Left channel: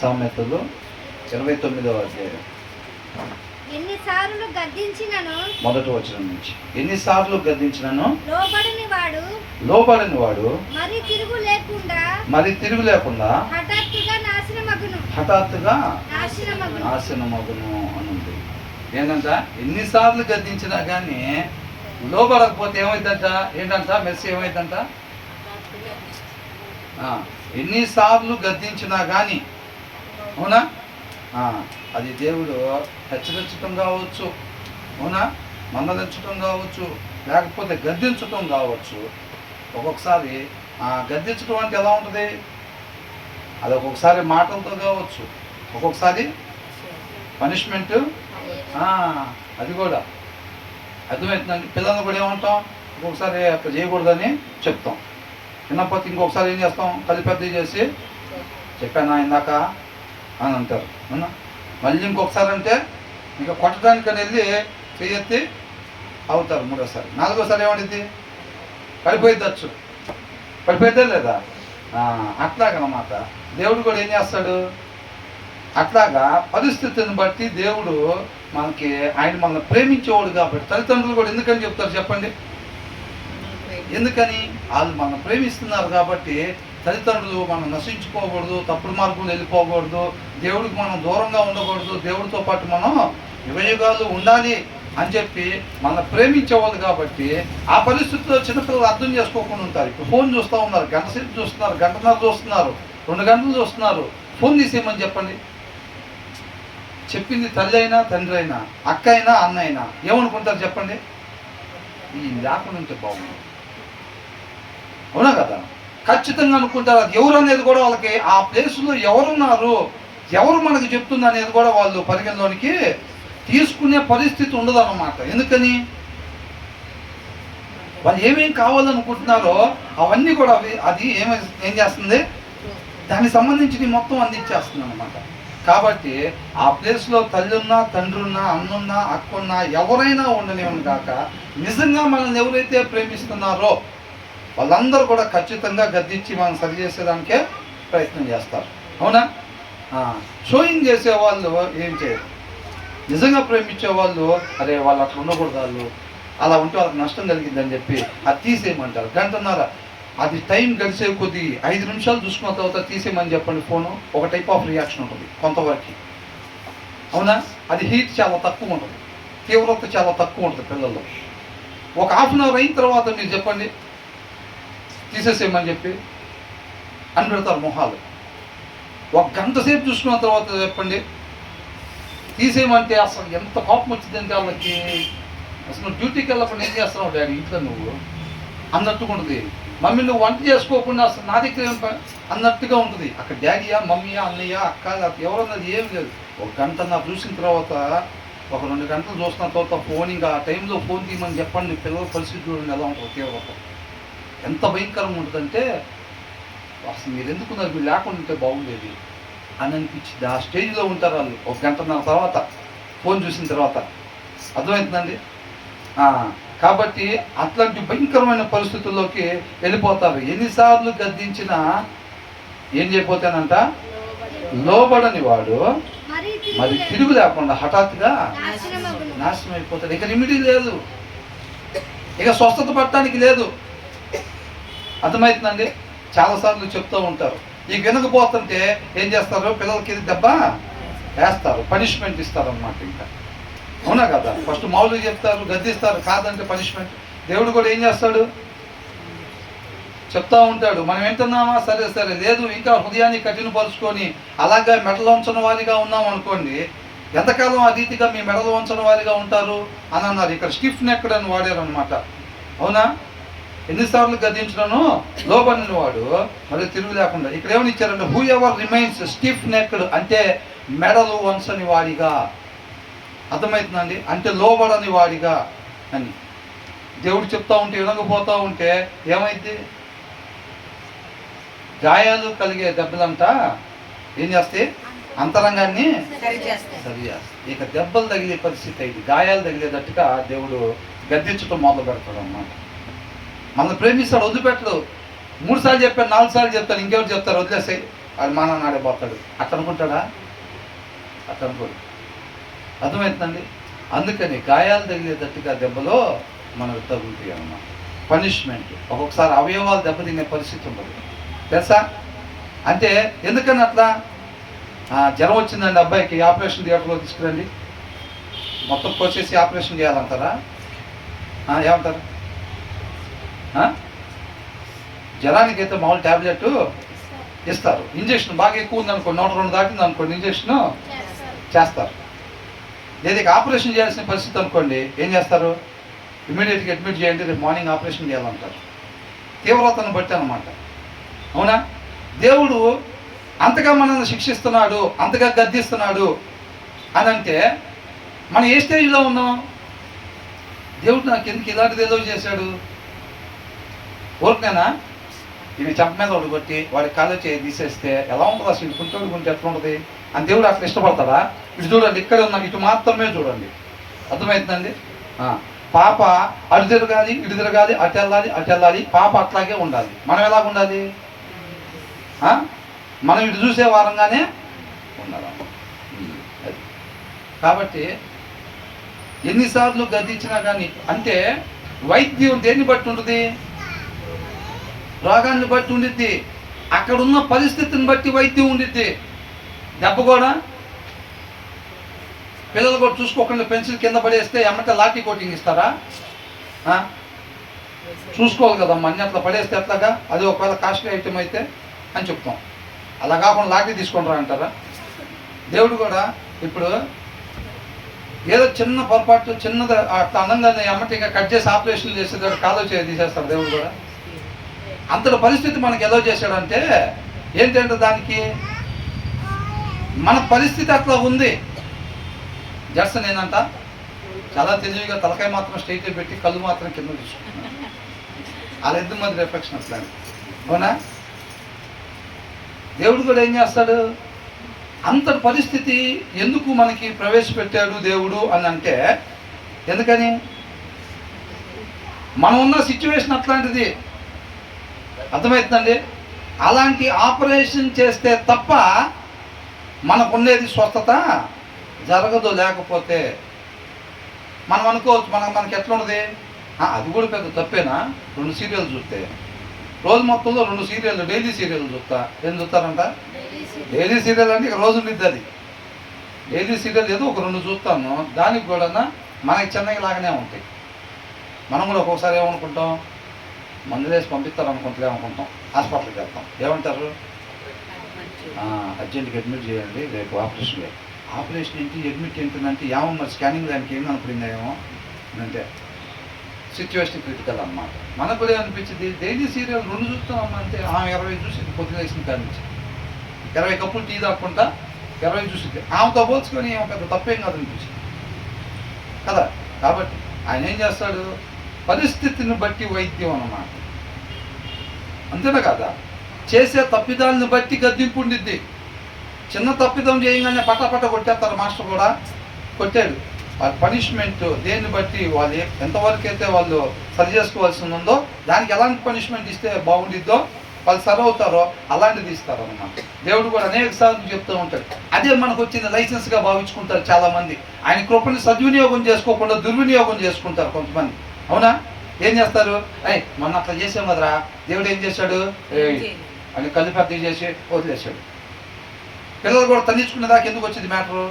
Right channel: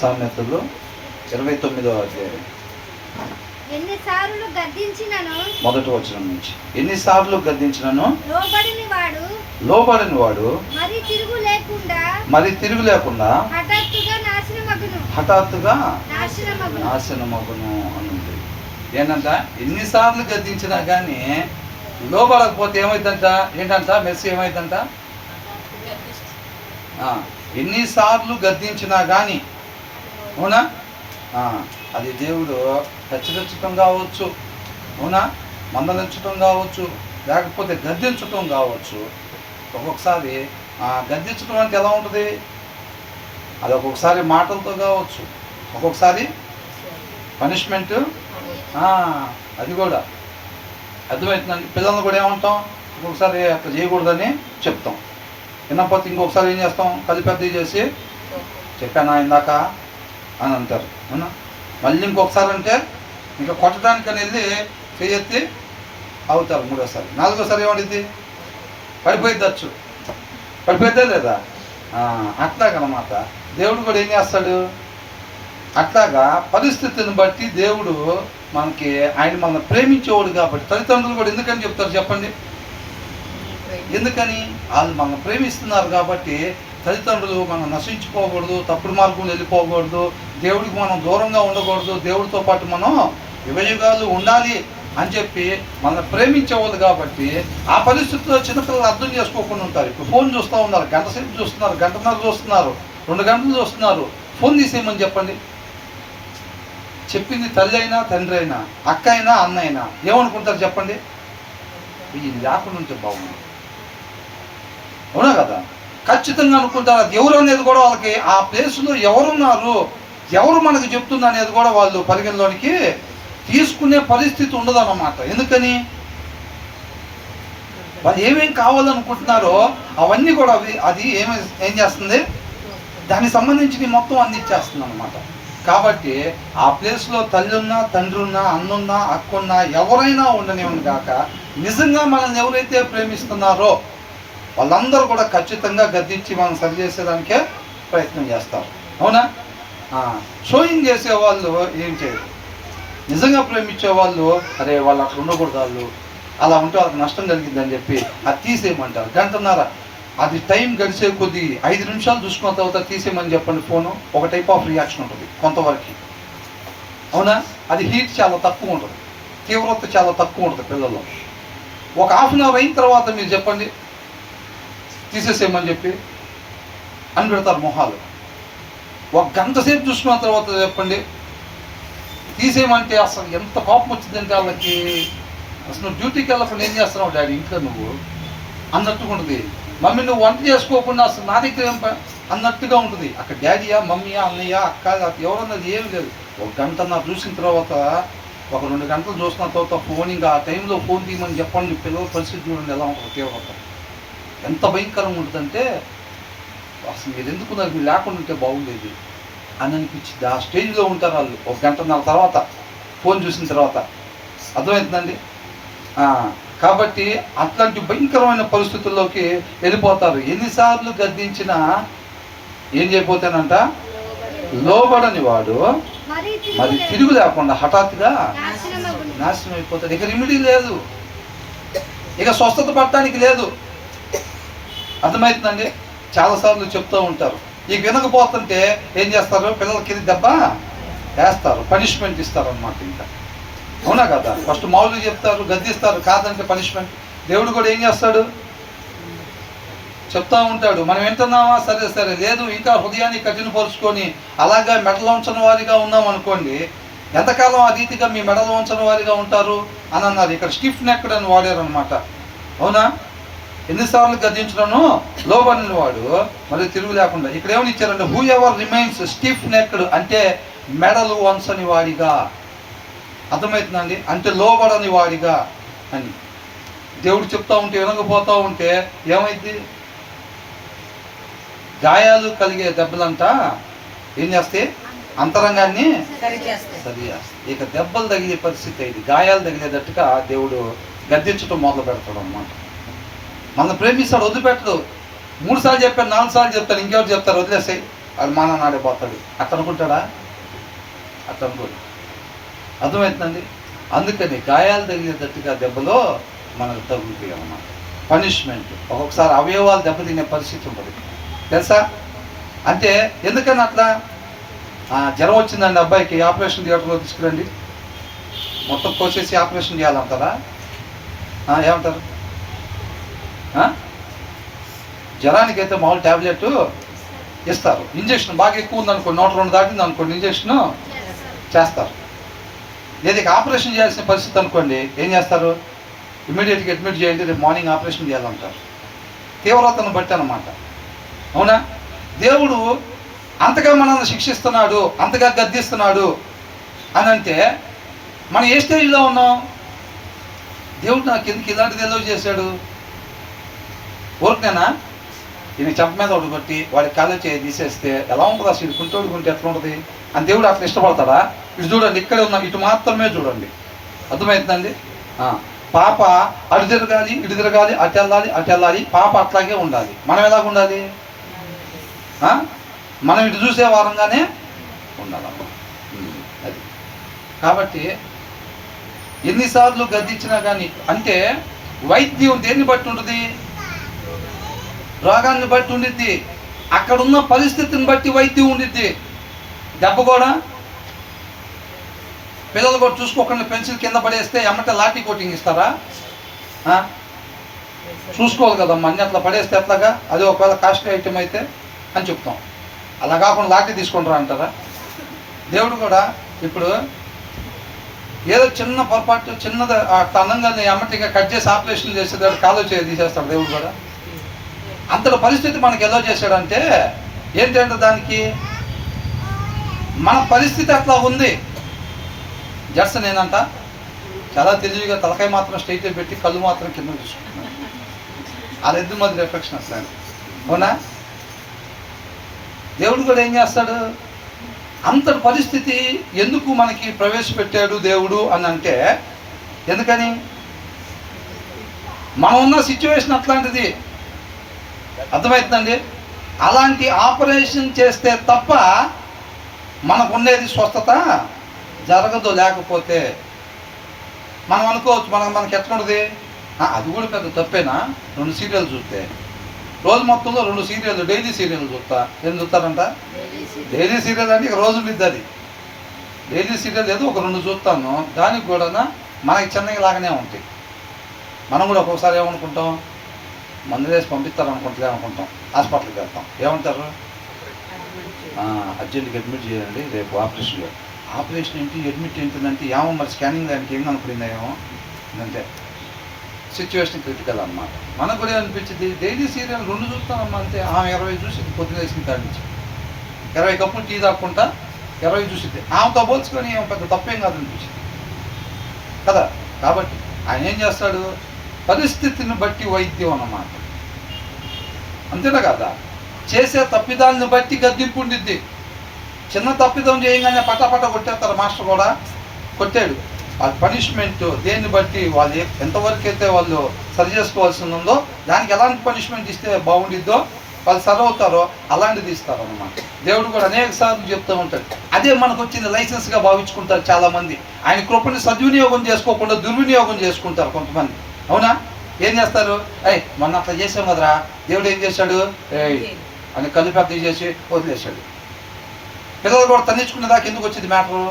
సామెతలు 29వ అధ్యాయం ఎన్నిసార్లు గద్దించినను, మొదటి వచనం నుంచి. ఎన్నిసార్లు గద్దించినను లోబడని వాడు మరి తిరుగు లేకుండా హఠాత్తుగా నాశనమగును అనుంది. ఏంటంట? ఎన్నిసార్లు గద్దించినా కానీ లోబడకపోతే ఏమైందంట? ఏంటంట? మెస్సి ఏమైందంట? ఎన్నిసార్లు గద్దించినా కానీ, అవునా, అది దేవుడు హెచ్చరించటం కావచ్చు, అవునా, మందలించటం కావచ్చు, లేకపోతే గద్దించటం కావచ్చు. ఒక్కొక్కసారి గద్దించటం అంటే ఎలా ఉంటుంది? అది ఒక్కొక్కసారి మాటలతో కావచ్చు, ఒక్కొక్కసారి పనిష్మెంట్. అది కూడా అర్థమవుతుందండి. పిల్లల్ని కూడా ఏమంటాం? ఒక్కొక్కసారి అట్లా చేయకూడదని చెప్తాం, వినకపోతే ఇంకొకసారి ఏం చేస్తాం? కలిపెద్ద చేసి చెప్పాను ఇందాక అని అంటారు, అవునా. మళ్ళీ ఇంకొకసారి అంటే ఇంకా కొట్టడానికని వెళ్ళి చెయ్యెత్తి అవుతారు. మూడోసారి, నాలుగోసారి ఏమడిద్ది? పడిపోయిద్దచ్చు. పడిపోయిద్దా లేదా? అట్లాగనమాట. దేవుడు కూడా ఏం చేస్తాడు? అట్లాగా పరిస్థితిని బట్టి దేవుడు మనకి, ఆయన మనల్ని ప్రేమించేవాడు కాబట్టి. తల్లిదండ్రులు కూడా ఎందుకని చెప్తారు చెప్పండి? ఎందుకని? వాళ్ళు మనల్ని ప్రేమిస్తున్నారు కాబట్టి. తల్లిదండ్రులు మనం నశించుకోకూడదు, తప్పుడు మార్గంలో వెళ్ళిపోకూడదు, దేవుడికి మనం దూరంగా ఉండకూడదు, దేవుడితో పాటు మనం యుగయుగాలు ఉండాలి అని చెప్పి మనల్ని ప్రేమించేవాళ్ళు కాబట్టి. ఆ పరిస్థితుల్లో చిన్నపిల్లలు అర్థం చేసుకోకుండా ఉంటారు. ఇప్పుడు ఫోన్ చూస్తూ ఉన్నారు, గంట సేపు చూస్తున్నారు, గంటన్నర చూస్తున్నారు, 2 గంటలు చూస్తున్నారు. ఫోన్ తీసేయమని చెప్పండి. చెప్పింది తల్లి అయినా తండ్రి అయినా, అక్క అయినా అన్న అయినా ఏమనుకుంటారు చెప్పండి? ఇది లేకుండా ఉంటే బాగుంది, అవునా కదా? ఖచ్చితంగా అనుకుంటారు. అది ఎవరు అనేది కూడా వాళ్ళకి, ఆ ప్లేస్లో ఎవరున్నారు, ఎవరు మనకు చెప్తుంది అనేది కూడా వాళ్ళు పరిగణలోనికి తీసుకునే పరిస్థితి ఉండదు అన్నమాట. ఎందుకని? వాళ్ళు ఏమేం కావాలనుకుంటున్నారో అవన్నీ కూడా అది ఏం చేస్తుంది? దానికి సంబంధించి మొత్తం అందించేస్తుంది అన్నమాట. కాబట్టి ఆ ప్లేస్లో తల్లి ఉన్నా, తండ్రి ఉన్నా, అన్నున్నా, అక్కున్నా, ఎవరైనా ఉండనివ్వను కాక, నిజంగా మనల్ని ఎవరైతే ప్రేమిస్తున్నారో వాళ్ళందరూ కూడా ఖచ్చితంగా గద్దించి మనం సరి చేసేదానికే ప్రయత్నం చేస్తారు, అవునా. షోయింగ్ చేసేవాళ్ళు ఏం చేయరు. నిజంగా ప్రేమించే వాళ్ళు, అరే వాళ్ళు అట్లా ఉండకూడదు, వాళ్ళు అలా ఉంటే వాళ్ళకి నష్టం కలిగిందని చెప్పి అది తీసేయమంటారు. గంటన్నర అది టైం గడిచే కొద్ది 5 నిమిషాలు చూసుకున్న తర్వాత తీసేయమని చెప్పండి ఫోను. ఒక టైప్ ఆఫ్ రియాక్షన్ ఉంటుంది కొంతవరకు, అవునా. అది హీట్ చాలా తక్కువ ఉంటుంది, తీవ్రత చాలా తక్కువ ఉంటుంది పిల్లల్లో. ఒక హాఫ్ అన్ అవర్ అయిన తర్వాత మీరు చెప్పండి తీసేసేయమని చెప్పి అని పెడతారు మొహాలు. 1 గంట సేపు చూసుకున్న తర్వాత చెప్పండి తీసేయమంటే అసలు ఎంత కోపం వచ్చిందంటే వాళ్ళకి, అసలు డ్యూటీకి వెళ్ళకుండా ఏం చేస్తున్నావు డాడీ ఇంట్లో నువ్వు అన్నట్టుగా ఉంటుంది. మమ్మీ నువ్వు వంట చేసుకోకుండా అసలు నా దగ్గర ఏం అన్నట్టుగా ఉంటుంది. అక్కడ డాడీయా, మమ్మీయా, అన్నయ్య, అక్క, ఎవరన్నది ఏం లేదు. 1 గంట నాకు చూసిన తర్వాత, ఒక 2 గంటలు చూసిన తర్వాత ఫోన్, ఇంకా ఆ టైంలో ఫోన్ తీయమని చెప్పండి. పిల్లల పరిస్థితులు ఎలా ఉంటుంది? తీవ్రత ఎంత భయంకరంగా ఉంటుందంటే అసలు మీరు ఎందుకున్నారు, మీరు లేకుండా ఉంటే బాగుండేది అని అనిపించింది. ఆ స్టేజ్లో ఉంటారు వాళ్ళు 1 గంటన్నర తర్వాత ఫోన్ చూసిన తర్వాత. అర్థమవుతుందండి? కాబట్టి అట్లాంటి భయంకరమైన పరిస్థితుల్లోకి వెళ్ళిపోతారు. ఎన్నిసార్లు గద్దించినా ఏం చేయకపోతేనంట? లోబడని వాడు మరి తిరుగు లేకుండా హఠాత్తుగా నాశనం అయిపోతాడు. ఇక రెమెడీ లేదు, ఇక స్వస్థత పడటానికి లేదు. అర్థమవుతుందండి? చాలాసార్లు చెప్తూ ఉంటారు. ఇక వినకపోతుంటే ఏం చేస్తారు? పిల్లలకి దెబ్బ వేస్తారు, పనిష్మెంట్ ఇస్తారు అన్నమాట. ఇంకా అవునా కదా? ఫస్ట్ మామూలుగా చెప్తారు, గద్దిస్తారు, కాదంటే పనిష్మెంట్. దేవుడు కూడా ఏం చేస్తాడు? చెప్తా ఉంటాడు. మనం వింటున్నామా? సరే సరే, లేదు ఇంకా హృదయాన్ని కఠినపరుచుకొని అలాగే మెడలో ఉంచని వారిగా ఉన్నాం అనుకోండి, ఎంతకాలం ఆ రీతిగా మీ మెడలో ఉంచని వారిగా ఉంటారు అని అన్నారు. ఇక్కడ స్టిఫ్ నెక్డ్ అని వాడారు అనమాట, అవునా. ఎన్నిసార్లు గద్దించడను లోబడిన వాడు మరి తిరుగు లేకుండా. ఇక్కడ ఏమని ఇచ్చారంటే హూ ఎవర్ రిమైన్స్ స్టిఫ్ నెక్డ్ అంటే మెడలు వంచని వాడిగా. అర్థమవుతుందండి? అంటే లోబడని వాడిగా అని దేవుడు చెప్తా ఉంటే వినకపోతూ ఉంటే ఏమైంది? గాయాలు కలిగే దెబ్బలంట ఏం చేస్తాయి? అంతరంగాన్ని సరి చేస్తాయి. ఇక దెబ్బలు తగిలే పరిస్థితి అయింది, గాయాలు తగిలేటట్టుగా దేవుడు గద్దించడం మొదలు పెడతాడు అన్నమాట. మనల్ని ప్రేమిస్తాడు, వదిలిపెట్టడు. 3 సార్లు చెప్పాను, 4 సార్లు చెప్తాను, ఇంకెవరు చెప్తారు? వదిలేసాయి. వాడు మా నాన్న ఆడిపోతాడు అట్ట అనుకుంటాడా? అట్ట అనుకోడు. అర్థమవుతుందండి? అందుకని గాయాలు తగిలేటట్టుగా దెబ్బలో మనకు తగులుతాయి అన్నమాట. పనిష్మెంట్ ఒక్కొక్కసారి అవయవాలు దెబ్బతినే పరిస్థితి ఉండదు తెలుసా? అంటే ఎందుకని అట్లా? జ్వరం వచ్చిందండి అబ్బాయికి, ఆపరేషన్ థియేటర్లో తీసుకురండి, మొత్తం కోసేసి ఆపరేషన్ చేయాలంటారా? ఏమంటారు? జ్వరానికి అయితే మామూలు ట్యాబ్లెట్ ఇస్తారు, ఇంజక్షన్ బాగా ఎక్కువ ఉందనుకోండి, 102 దాటింది అనుకోండి, ఇంజక్షన్ చేస్తారు. లేదా ఆపరేషన్ చేయాల్సిన పరిస్థితి అనుకోండి, ఏం చేస్తారు? ఇమీడియట్గా అడ్మిట్ చేయండి, రేపు మార్నింగ్ ఆపరేషన్ చేయాలంటారు. తీవ్రతను బట్టి అన్నమాట. అవునా? దేవుడు అంతగా మనల్ని శిక్షిస్తున్నాడు, అంతగా గద్దిస్తున్నాడు అని అంటే మనం ఏ స్టేజ్లో ఉన్నాం? దేవుడు నాకు ఎందుకు ఇలాంటిది ఏదో చేశాడు? ఊరికేనా ఇవి చెంప మీద ఒకటి కొట్టి వాడి కాలు చేయి తీసేస్తే ఎలా ఉంటుంది? అసలు ఇటు కుంటోడు కుంటే ఎట్లా ఉంటుంది అని దేవుడు అట్లా ఇష్టపడతాడా? ఇటు చూడండి, ఇక్కడే ఉన్నాం, ఇటు మాత్రమే చూడండి. అర్థమవుతుందండి? పాప అటు తిరగాలి, ఇటు తిరగాలి, అటు వెళ్ళాలి, అటు వెళ్ళాలి, పాప అట్లాగే ఉండాలి. మనం ఎలాగ ఉండాలి? మనం ఇటు చూసే వారంగానే ఉండాలి. అది కాబట్టి ఎన్నిసార్లు గద్దించినా కానీ, అంటే వైద్యం దేన్ని బట్టి ఉంటుంది? రోగాన్ని బట్టి ఉండిద్ది, అక్కడున్న పరిస్థితిని బట్టి వైద్యం ఉండిద్ది. దెబ్బ కూడా పిల్లలు కూడా చూసుకోకుండా పెన్సిల్ కింద పడేస్తే ఎమ్మట లాఠీ కోటింగ్ ఇస్తారా? చూసుకోవాలి కదమ్మా, అన్ని అట్లా పడేస్తే ఎట్లాగా? అది ఒకవేళ కాస్ట్లీ ఐటమ్ అయితే అని చెప్తాం. అలా కాకుండా లాఠీ తీసుకుంటారా అంటారా? దేవుడు కూడా ఇప్పుడు ఏదో చిన్న పొరపాటు, చిన్నది అట్లా అన్నంగానే ఎమ్మటిగా కట్ చేసి ఆపరేషన్ చేసేదాడు, కాలు చేసి తీసేస్తాడు దేవుడు కూడా. అంతటి పరిస్థితి మనకి ఏదో చేశాడంటే ఏంటంటే దానికి మన పరిస్థితి అట్లా ఉంది. జడ్స్ నేనంట చాలా తెలివిగా తలకాయ మాత్రం స్ట్రైట్ పెట్టి కళ్ళు మాత్రం కింద చూసుకుంటున్నాను. వాళ్ళ ఇద్దరి మధ్య రిఫ్లెక్షన్ అట్లా. అవునా? దేవుడు కూడా ఏం చేస్తాడు? అంతటి పరిస్థితి ఎందుకు మనకి ప్రవేశపెట్టాడు దేవుడు అని అంటే, ఎందుకని? మనం ఉన్న సిచ్యువేషన్ అట్లాంటిది. అర్థమవుతుందండి? అలాంటి ఆపరేషన్ చేస్తే తప్ప మనకు ఉండేది స్వస్థత జరగదు. లేకపోతే మనం అనుకోవచ్చు మనకి ఎట్లా ఉంటుంది, అది కూడా పెద్ద తప్పేనా? 2 సీరియల్ చూస్తే రోజు మొత్తంలో 2 సీరియల్, డైలీ సీరియల్ చూస్తా. ఏం చూస్తారంట? డైలీ సీరియల్ అంటే ఇక రోజు ఉండిద్ది. అది డైలీ సీరియల్ ఏదో ఒక 2 చూస్తాను. దానికి కూడా మనకి చిన్నగా లాగానే ఉంటాయి. మనం కూడా ఒక్కొక్కసారి ఏమనుకుంటాం, మందులు వేసి పంపిస్తారు అనుకుంటలే అనుకుంటాం. హాస్పిటల్కి వెళ్తాం, ఏమంటారు? అర్జెంట్గా అడ్మిట్ చేయండి, రేపు ఆపరేషన్. ఆపరేషన్ ఏంటి, అడ్మిట్ ఏంటంటే ఏమో మరి స్కానింగ్ దానికి ఏం అనుకుందా ఏమో అంటే సిచ్యువేషన్ క్రిటికల్ అన్నమాట. మనకు కూడా అనిపించింది, డైలీ సీరియల్ 2 చూస్తామమ్మా అంతే. 20 చూసింది పొద్దున వేసిన కాడి నుంచి, 20 కప్పులు టీ తాక్కుంటా 20 చూసింది. ఆమెతో పోల్చుకొని ఏమో పెద్ద తప్పేం కాదని చూసింది కదా. కాబట్టి ఆయన ఏం చేస్తాడు? పరిస్థితిని బట్టి వైద్యం అన్నమాట. అంతేనా కదా? చేసే తప్పిదాన్ని బట్టి గద్దింపు ఉండిద్ది. చిన్న తప్పిదం చేయగానే పట్టపట్ట కొట్టేస్తారు. మాస్టర్ కూడా కొట్టాడు. ఆ పనిష్మెంట్ దేన్ని బట్టి వాళ్ళు ఎంతవరకు అయితే వాళ్ళు సరి చేసుకోవాల్సి ఉందో దానికి ఎలాంటి పనిష్మెంట్ ఇస్తే బాగుండిద్దో వాళ్ళు సరి అవుతారో అలాంటిది ఇస్తారు అన్నమాట. దేవుడు కూడా అనేక సార్లు చెప్తూ ఉంటాడు. అదే మనకు వచ్చింది లైసెన్స్గా భావించుకుంటారు చాలామంది. ఆయన కృపని సద్వినియోగం చేసుకోకుండా దుర్వినియోగం చేసుకుంటారు కొంతమంది. అవునా? ఏం చేస్తారు? మొన్న అట్లా చేసాం కదరా, దేవుడు ఏం చేశాడు అని కళ్ళు పెద్ద చేసి వదిలేశాడు. పిల్లలు కూడా తన్నించుకునే దాకా ఎందుకు వచ్చింది మ్యాటరు?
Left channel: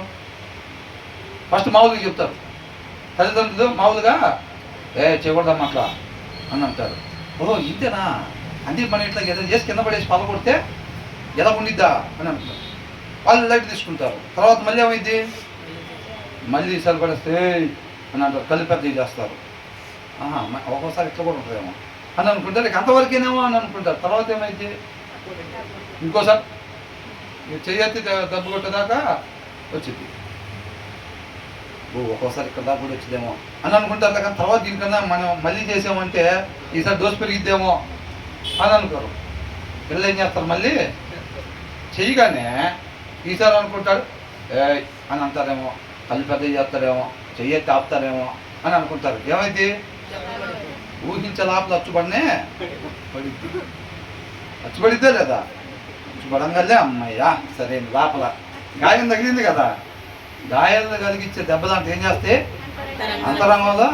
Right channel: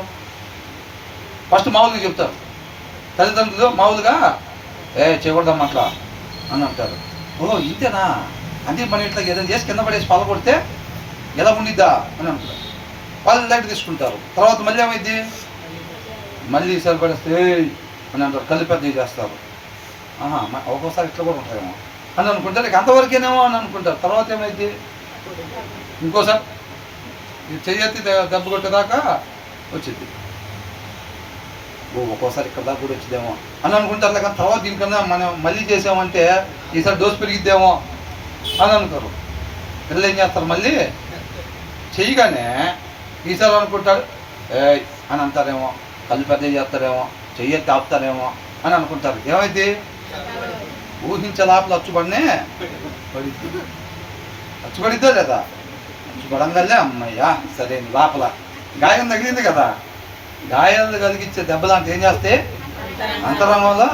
ఫస్ట్ మామూలుగా చెప్తారు తల్లిదండ్రులు, మామూలుగా చేయకూడదమ్మా అట్లా అని అంటారు. ఓహో ఇంతేనా? అందుకే మనం ఇట్లా ఏదైనా చేసి కింద పడేసి పళ్ళ కొడితే ఎలా ఉండిద్దా అని అంటారు. వాళ్ళు లైట్ తీసుకుంటారు. తర్వాత మళ్ళీ ఏమైంది? మళ్ళీ సరిపడేస్తే అని అంటారు, కళ్ళు పెద్ద చేస్తారు. ఒక్కోసారి ఇట్లా కూడా ఉంటుందేమో అని అనుకుంటారు. ఇక అంతవరకేనేమో అని అనుకుంటారు. తర్వాత ఏమైంది? ఇంకోసారి చెయ్యెత్తి దెబ్బ కొట్టేదాకా వచ్చింది. ఒక్కోసారి ఇక్కడ దాకా కూడా వచ్చిందేమో అని అనుకుంటారు. కానీ తర్వాత దీనికన్నా మనం మళ్ళీ చేసామంటే ఈసారి డోసు పెరిగిద్దేమో అని అనుకోరు. పిల్లలు ఏం చేస్తారు? మళ్ళీ చెయ్యగానే ఈసారి అనుకుంటాడు అని అంటారేమో, కళ్ళు పెద్ద చేస్తారేమో, చెయ్యెత్తి ఆపుతారేమో అని అనుకుంటారు. ఏమైంది? ఊహించే లోపల అచ్చుబడినే పడిద్ది. అచ్చుబడిద్దే లేదా? పడంగల్లే అమ్మయ్యా సరే లోపల గాయం తగిలింది కదా, గాయాలు కలిగించే దెబ్బలాంటి ఏం చేస్తే అంతరంగంలో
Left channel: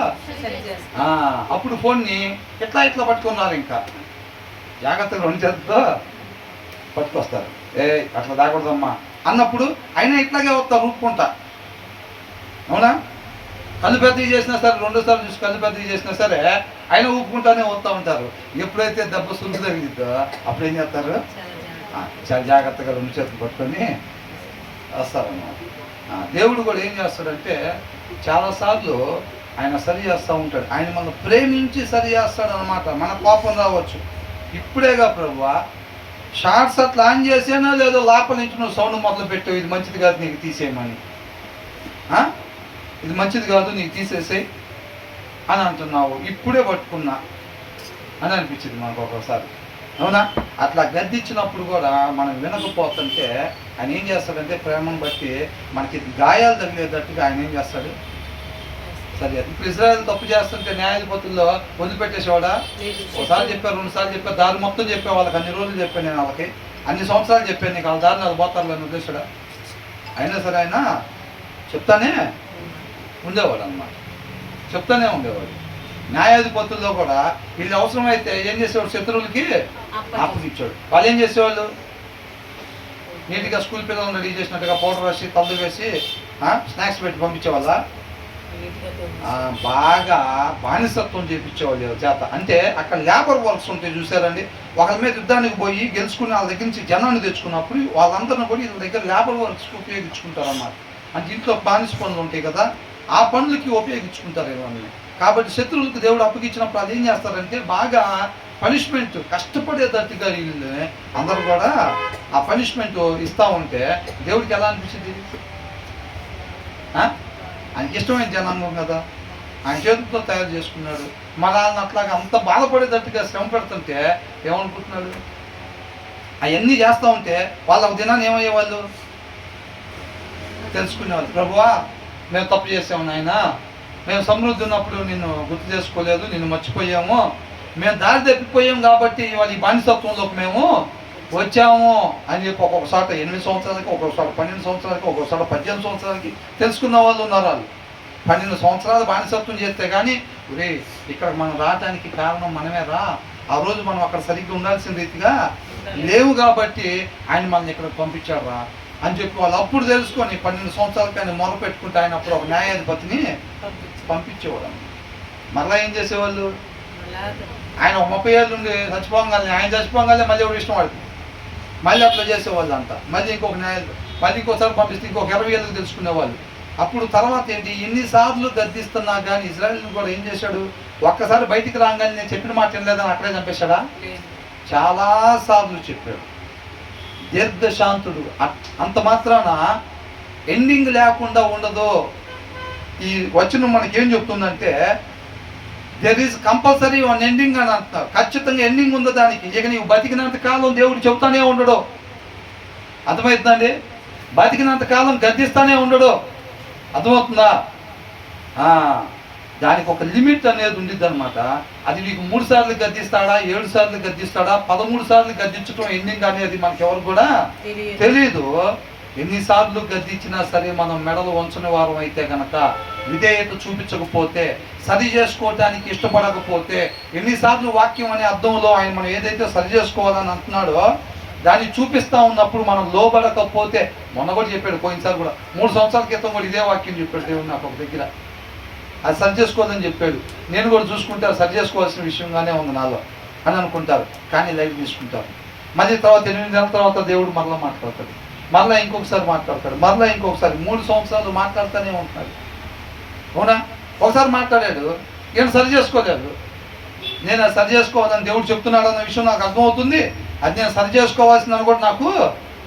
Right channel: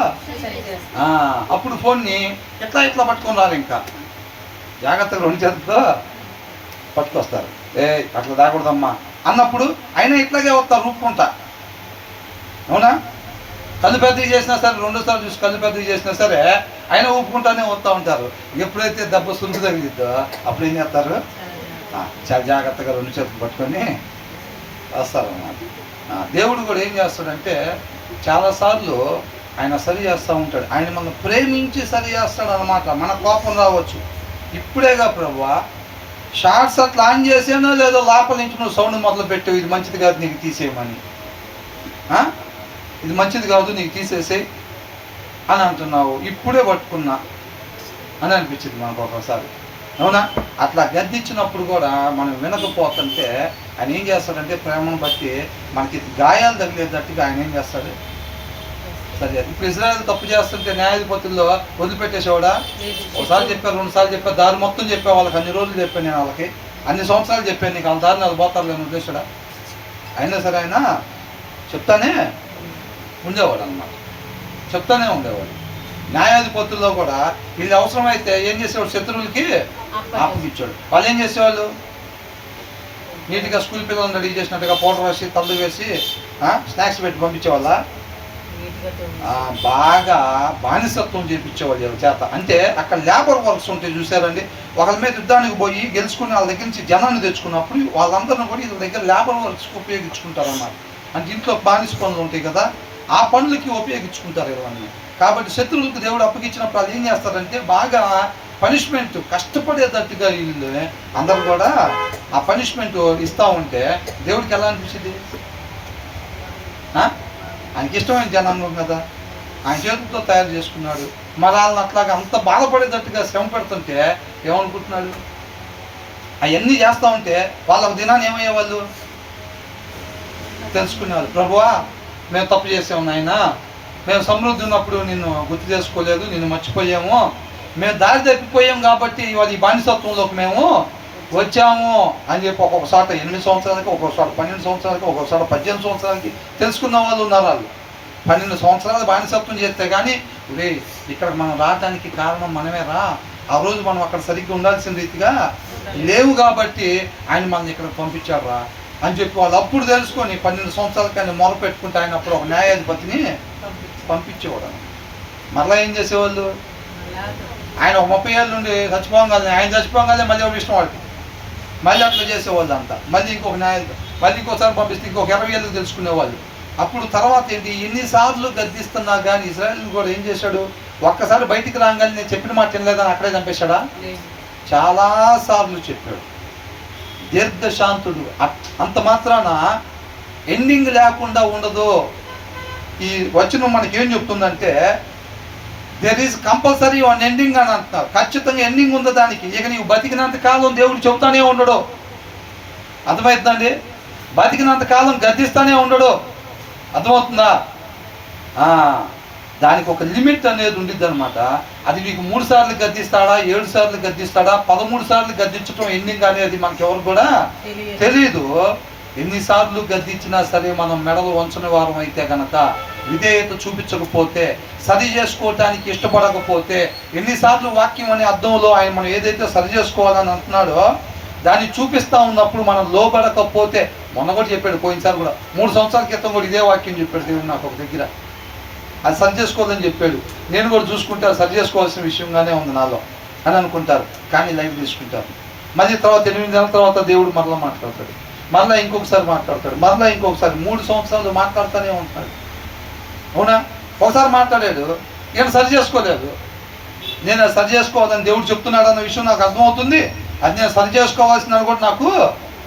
అప్పుడు ఫోన్ని ఇట్లా పట్టుకొని రాలి, ఇంకా జాగ్రత్తగా 2 చేతులతో పట్టుకొస్తారు. అట్లా దాకూడదమ్మా అన్నప్పుడు అయినా ఇట్లాగే వస్తారు రూపుకుంటా. అవునా? కళ్ళు పెద్దవి చేసినా సరే 2 సార్లు చూసి కళ్ళు పెద్దవి చేసినా సరే అయినా ఊపుకుంటానే వస్తూ ఉంటారు. ఎప్పుడైతే దెబ్బ సులుసు తగిలిద్దో అప్పుడు ఏం చేస్తారు, చాలా జాగ్రత్తగా 2 చేతులు పట్టుకొని వస్తారన్నమాట. దేవుడు కూడా ఏం చేస్తాడంటే చాలాసార్లు ఆయన సరి చేస్తూ ఉంటాడు. ఆయన మనం ప్రేమించి సరి చేస్తాడు అన్నమాట. మన కోపం రావచ్చు, ఇప్పుడేగా ప్రభువా షార్ట్స్ అట్లా ఆన్ చేసేనా లేదో లోపల నుంచి నువ్వు సౌండ్ మొదలు పెట్టావు, ఇది మంచిది కాదు నీకు తీసేయమని, ఇది మంచిది కాదు నీకు తీసేసేయి అని అంటున్నావు, ఇప్పుడే పట్టుకున్నా అని అనిపించింది మనకు ఒకసారి. అవునా? అట్లా గద్దించినప్పుడు కూడా మనం వినకపోతుంటే ఆయన ఏం చేస్తాడంటే ప్రేమను బట్టి మనకి గాయాలు తగిలేటట్టుగా ఆయన ఏం చేస్తాడు, సరే. ఇప్పుడు ఇజ్రాయెల్ తప్పు చేస్తుంటే న్యాయాధిపతుల్లో వదిలిపెట్టేసేవాడా? ఒకసారి చెప్పారు, 2 సార్లు చెప్పారు, దారి మొత్తం చెప్పా వాళ్ళకి, అన్ని రోజులు చెప్పాను నేను వాళ్ళకి, అన్ని సంవత్సరాలు చెప్పాను నీకు, వాళ్ళ దారిని అది పోతారు లేని ఉద్దేశుడా? అయినా సరే ఆయన చెప్తానే ఉండేవాడు అన్నమాట, చెప్తానే ఉండేవాడు. న్యాయాధిపతుల్లో కూడా వీళ్ళు అవసరమైతే ఏం చేసేవాడు, శత్రువులకి అప్పగిచ్చాడు. వాళ్ళు ఏం చేసేవాళ్ళు, నీట్గా స్కూల్ పిల్లలను రెడీ చేసినట్టుగా పౌడర్ వేసి తల్లు వేసి స్నాక్స్ పెట్టి పంపించేవాళ్ళ, బాగా బానిసత్వం చేయించేవాళ్ళు చేత. అంటే అక్కడ లేబర్ వర్క్స్ ఉంటాయి చూసారండి, ఒకరి మీద యుద్ధానికి పోయి గెలుచుకుని వాళ్ళ దగ్గర నుంచి జనాన్ని తెచ్చుకున్నప్పుడు వాళ్ళందరినీ కూడా వీళ్ళ దగ్గర లేబర్ వర్క్స్కి ఉపయోగించుకుంటారు అన్నమాట. అంటే ఇంట్లో బానిస పనులు ఉంటాయి కదా, ఆ పనులకి ఉపయోగించుకుంటారు ఇవన్నీ. కాబట్టి శత్రువులకు దేవుడు అప్పగించినప్పుడు అది ఏం చేస్తారంటే బాగా పనిష్మెంట్ కష్టపడేటట్టుగా వీళ్ళు అందరూ కూడా ఆ పనిష్మెంట్ ఇస్తూ ఉంటే దేవుడికి ఎలా అనిపించింది? ఆయనకి ఇష్టమైన జనాంగం కదా, ఆయన చేతులతో తయారు చేసుకున్నాడు. మరి వాళ్ళని అట్లాగా అంత బాధపడేటట్టుగా శ్రమ పెడుతుంటే ఏమనుకుంటున్నాడు? అవన్నీ చేస్తూ ఉంటే వాళ్ళ ఒక దినాన్ని ఏమయ్యేవాళ్ళు తెలుసుకునేవాళ్ళు, ప్రభువా మేము తప్పు చేసాము నాయన, మేము సమృద్ధి ఉన్నప్పుడు నిన్ను గుర్తు చేసుకోలేదు, నిన్ను మర్చిపోయాము, మేము దారి తప్పిపోయాం కాబట్టి ఇవాళ ఈ బానిసత్వంలోకి మేము వచ్చాము అని చెప్పి ఒక్కొక్క చోట 8 సంవత్సరాలకి, ఒక్కొక్క చోట 12 సంవత్సరాలకి, ఒక్కొక్క చోట 18 సంవత్సరాలకి తెలుసుకున్న వాళ్ళు ఉన్నారు. వాళ్ళు 12 సంవత్సరాలు బానిసత్వం చేస్తే కానీ ఒరే ఇక్కడ మనం రావడానికి కారణం మనమే రా, ఆ రోజు మనం అక్కడ సరిగ్గా ఉండాల్సిన రీతిగా లేవు కాబట్టి ఆయన మనల్ని ఇక్కడ పంపించాడు రా అని చెప్పి వాళ్ళు అప్పుడు తెలుసుకొని 12 సంవత్సరాలకి ఆయన మొర పెట్టుకుంటే ఆయన అప్పుడు ఒక న్యాయాధిపతిని పంపించేవాడు. మరలా ఏం చేసేవాళ్ళు, ఆయన ఒక 30 ఏళ్ళ నుండి చచ్చిపోగానే, ఆయన చచ్చిపోగానే మళ్ళీ ఎవరు ఇష్టం వాడికి మళ్ళీ అట్లా చేసేవాళ్ళు అంతా, మళ్ళీ ఇంకొక మళ్ళీ ఇంకోసారి పంపిస్తే ఇంకొక 20 ఏళ్ళు తెలుసుకునేవాళ్ళు. అప్పుడు తర్వాత ఏంటి, ఎన్నిసార్లు గద్దిస్తున్నా కానీ ఇజ్రాయెల్ కూడా ఏం చేశాడు, ఒక్కసారి బయటికి రాగానే నేను చెప్పిన మాట వినలేదని అక్కడే చంపేశాడా? చాలాసార్లు చెప్పాడు. దీర్ఘశాంతుడు. అంత మాత్రాన ఎండింగ్ లేకుండా ఉండదు. ఈ వచనం మనకేం చెప్తుందంటే there is compulsory one ending అని అంటున్నారు. ఖచ్చితంగా ఎండింగ్ ఉంది దానికి. ఇక నీవు బతికినంత కాలం దేవుడు చెబుతానే ఉండడు. అర్థమవుతుందండి? బతికినంత కాలం గద్దిస్తానే ఉండడు. అర్థమవుతుందా? దానికి ఒక లిమిట్ అనేది ఉండిద్ది అనమాట. అది నీకు 3 సార్లు గద్దిస్తాడా, 7 సార్లు గద్దిస్తాడా, 13 సార్లు గద్దించడం ఎండింగ్ అనేది మనకెవరు కూడా తెలియదు. ఎన్నిసార్లు గద్దించినా సరే మనం మెడలు వంచని వారం అయితే కనుక, విధేయత చూపించకపోతే, సరి చేసుకోవటానికి ఇష్టపడకపోతే, ఎన్నిసార్లు వాక్యం అనే అర్థంలో ఆయన మనం ఏదైతే సరి చేసుకోవాలని అంటున్నాడో దాన్ని చూపిస్తూ ఉన్నప్పుడు మనం లోబడకపోతే, మొన్న కూడా చెప్పాడు, పోయినసారి కూడా 3 సంవత్సరాల క్రితం కూడా ఇదే వాక్యం చెప్పాడు దేవుడు నాకు ఒక దగ్గర. అది సరి చేసుకోవాలని చెప్పాడు. నేను కూడా చూసుకుంటే అది సరి చేసుకోవాల్సిన విషయంగానే ఉంది నాలో అని అనుకుంటారు, కానీ లైట్ తీసుకుంటారు. మళ్ళీ తర్వాత 8 నెలల తర్వాత దేవుడు మరలా మాట్లాడతాడు, మరలా ఇంకొకసారి మాట్లాడతాడు, మరలా ఇంకొకసారి 3 సంవత్సరాలు మాట్లాడుతూనే ఉంటాడు. అవునా? ఒకసారి మాట్లాడాడు, ఈయన సరి చేసుకోలేదు. నేను అది సరి చేసుకోవాలని దేవుడు చెప్తున్నాడు అన్న విషయం నాకు అర్థమవుతుంది. అది నేను సరి చేసుకోవాల్సిందని కూడా నాకు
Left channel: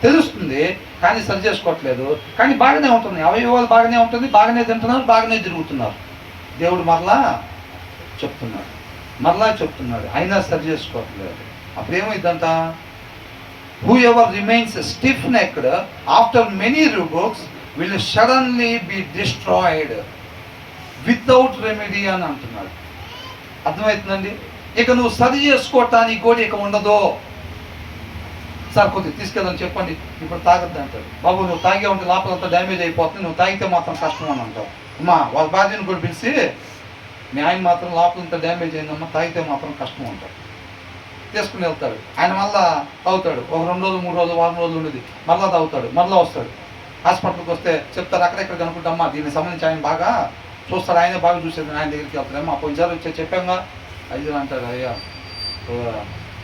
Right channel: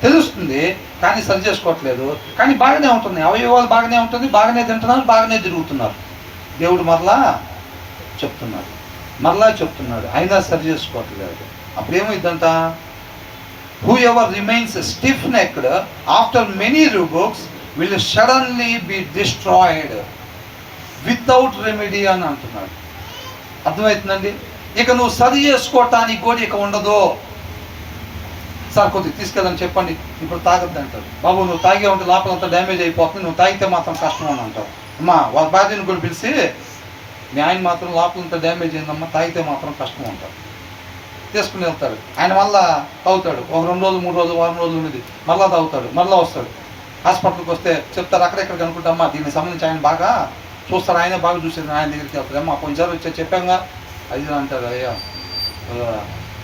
తెలుస్తుంది, కానీ సరి చేసుకోవట్లేదు. కానీ బాగానే ఉంటుంది, అవయవాలు బాగానే ఉంటుంది, బాగానే తింటున్నారు, బాగానే తిరుగుతున్నారు. దేవుడు మరలా చెప్తున్నాడు, అయినా సరి చేసుకోవట్లేదు. అప్పుడు ఏమైందంట, whoever remains stiff necked after many rebukes will suddenly be destroyed without remedy అని అంటున్నాడు. అర్థమవుతుందండి? ఇక నువ్వు సరి చేసుకోవటానికి కూడా ఇక ఉండదు. సార్ కొద్దిగా తీసుకెళ్ళని చెప్పండి, ఇప్పుడు తాగొద్దు అంటాడు. బాబు నువ్వు తాగే ఉంటే లోపలంతా డ్యామేజ్ అయిపోతుంది, నువ్వు తాగితే మాత్రం కష్టం అని అంటావు. అమ్మా వాళ్ళ భార్యను కూడా పిలిచి మీ ఆయన మాత్రం లోపలంతా డ్యామేజ్ అయిందమ్మా, తాగితే మాత్రం కష్టం అంటావు. తీసుకుని వెళ్తాడు. ఆయన మళ్ళా తాగుతాడు, ఒక 2 రోజులు 3 రోజులు వారం రోజులు ఉండేది, మళ్ళీ తాగుతాడు, మళ్ళీ వస్తాడు. హాస్పిటల్కి వస్తే చెప్తారు అక్కడెక్కడ కనుక్కుంటామా దీనికి సంబంధించి ఆయన బాగా చూస్తాడు, ఆయనే బాగా చూసేది, ఆయన దగ్గరికి వెళ్తాడు. అమ్మా కొంచెం వచ్చే చెప్పాంగా అది అంటాడు. అయ్యా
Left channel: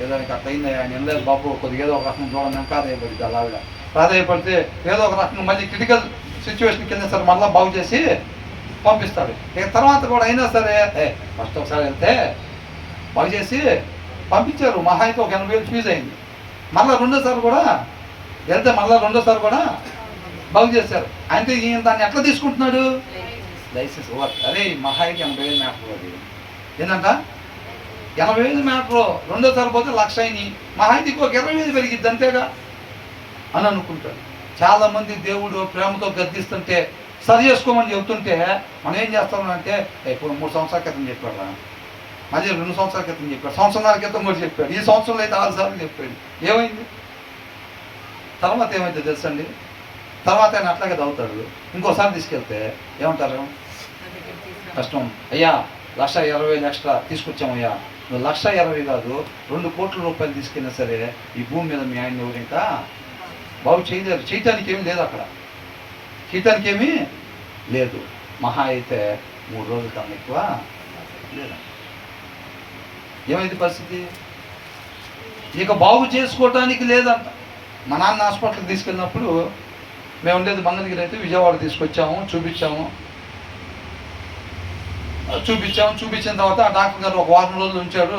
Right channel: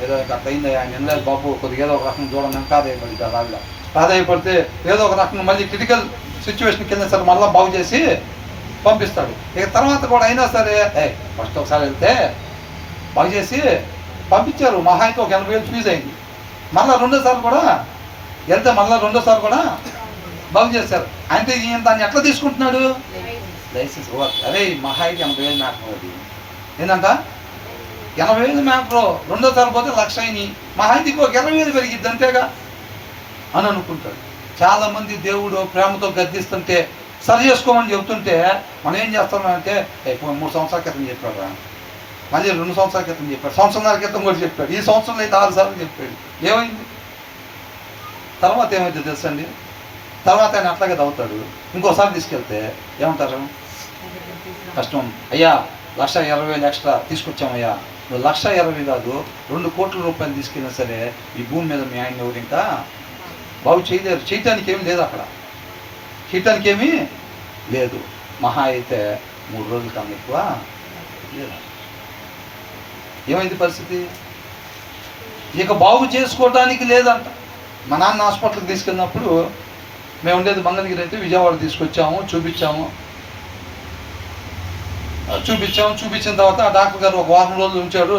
ఏదో ఇంకా అట్లా అయింది, ఆయన ఎందుకు బాబు కొద్దిగా ఏదో ఒక రకం చూడండి ప్రాధాయపడింది. అలాగా ప్రాధాయపడితే ఏదో ఒక రకంగా మళ్ళీ క్రిటికల్ సిచ్యువేషన్కి వెళ్ళినా సరే మళ్ళీ బాగు చేసి పంపిస్తాడు. ఇక తర్వాత కూడా అయినా సరే ఫస్ట్ ఒకసారి వెళ్తే బాగు చేసి పంపించారు, మహా అయితే ఒక 80,000 ఫీజు అయింది. మళ్ళీ రెండోసారి కూడా వెళ్తే మళ్ళీ రెండోసారి కూడా బాగు చేశారు. అంటే ఈయన దాన్ని ఎట్లా తీసుకుంటున్నాడు, లైసెన్స్ అరే మహా అయితే 80,000 మ్యాటర్ అది ఏంటంట 80,000 మ్యాటర్, రెండోసారి పోతే 1,00,000 అయినాయి, మహా అయితే ఇంకొక 20,000 పెరిగిద్ది అంతేగా అని అనుకుంటాడు. చాలామంది దేవుడు ప్రేమతో గద్దిస్తుంటే సరి చేసుకోమని చెబుతుంటే మనం ఏం చేస్తున్నామంటే 3 సంవత్సరాల క్రితం చెప్పాడు, మళ్ళీ 2 సంవత్సరాల క్రితం చెప్పాడు, సంవత్సరాల క్రితం కూడా చెప్పాడు, ఈ సంవత్సరంలో అయితే 6 సార్లు చెప్పాడు. ఏమైంది తర్వాత ఏమైతే తెలుసండి, తర్వాత ఆయన అట్లాగే తవ్వుతాడు. ఇంకోసారి తీసుకెళ్తే ఏమంటారు, కష్టం అయ్యా 1,20,000 ఎక్స్ట్రా తీసుకొచ్చామయ్యా, నువ్వు 1,20,000 కాదు 2 కోట్ల రూపాయలు తీసుకెళ్ళినా సరే ఈ భూమి మీద మీ ఆయన ఎవరు ఇంకా బాగు చేయలేరు, చేయటానికి ఏమీ లేదు, అక్కడ చేయటానికి ఏమీ లేదు, మహా అయితే 3 రోజుల కన్నా ఎక్కువ లేదా. ఏమైంది పరిస్థితి, ఇక బాగు చేసుకోవటానికి లేదంట. మా నాన్న హాస్పిటల్కి తీసుకెళ్ళినప్పుడు మేము ఉండేది మంగళగిరి అయితే విజయవాడ తీసుకొచ్చాము, చూపించిన తర్వాత ఆ డాక్టర్ గారు ఒక వారం రోజులు ఉంచాడు,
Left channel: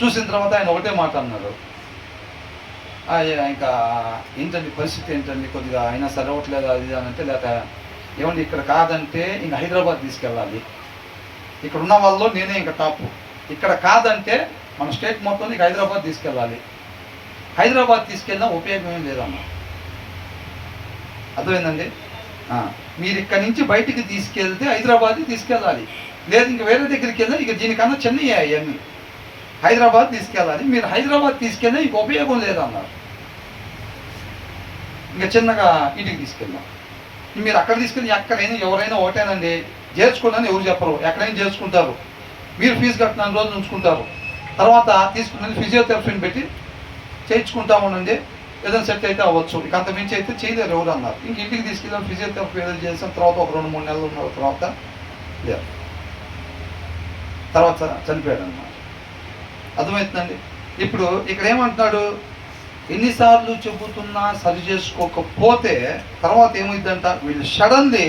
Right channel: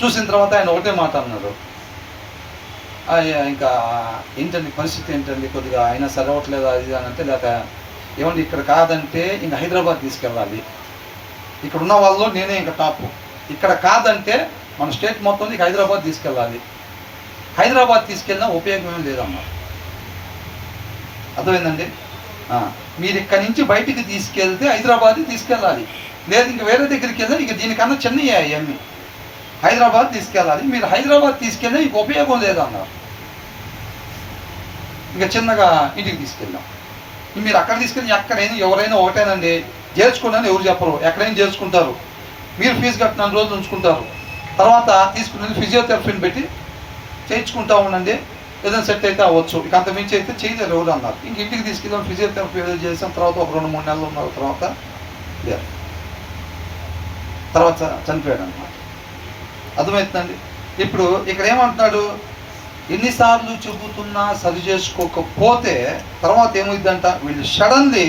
చూసిన తర్వాత ఆయన ఒకటే మాట అన్నారు, ఇంకా ఏంటండి పరిస్థితి ఏంటండి, కొద్దిగా అయినా సరే అవ్వట్లేదు అది అని అంటే, లేక ఏమండి ఇక్కడ కాదంటే ఇంకా హైదరాబాద్ తీసుకెళ్ళాలి, ఇక్కడ ఉన్న వాళ్ళు నేనే ఇంకా టాప్, ఇక్కడ కాదంటే మన స్టేట్ మొత్తం ఇక హైదరాబాద్ తీసుకెళ్ళాలి, హైదరాబాద్ తీసుకెళ్ళినా ఉపయోగం ఏం లేదమ్మా. అర్థమైందండి, మీరు ఇక్కడి నుంచి బయటికి తీసుకెళ్తే హైదరాబాద్ తీసుకెళ్ళాలి, లేదు ఇంక వేరే దగ్గరికి వెళ్ళినా ఇక దీనికన్నా చిన్నవి అవన్నీ, హైదరాబాద్ తీసుకెళ్ళాలి, మీరు హైదరాబాద్ తీసుకెళ్ళినా ఇంక ఉపయోగం లేదన్నారు. ఇంకా చిన్నగా ఇంటికి తీసుకెళ్ళాం. మీరు అక్కడ తీసుకెళ్ళి ఎక్కడైనా ఎవరైనా ఒకటేనండి, చేర్చుకోండి ఎవరు చెప్పరు, ఎక్కడైనా చేర్చుకుంటారు, మీరు ఫీజు కట్టిన రోజులు ఉంచుకుంటారు, తర్వాత తీసుకుని ఫిజియోథెరపీని పెట్టి చేయించుకుంటా ఉండండి, ఏదైనా సెట్ అయితే అవ్వచ్చు, ఇక అంత మించి అయితే చేయలేరు ఎవరు అన్నారు. ఇంక ఇంటికి తీసుకెళ్ళాం, ఫిజియోథెరపీ ఏదో చేసాం, తర్వాత ఒక 2-3 నెలలు ఉన్న తర్వాత లేదు, తర్వాత చనిపోయాడు అన్నమాట. అర్థమవుతుందండి. ఇప్పుడు ఇక్కడ ఏమంటున్నాడు, ఎన్నిసార్లు చెబుతున్నా సరి చేసుకోకపోతే తర్వాత ఏమైందంట, will suddenly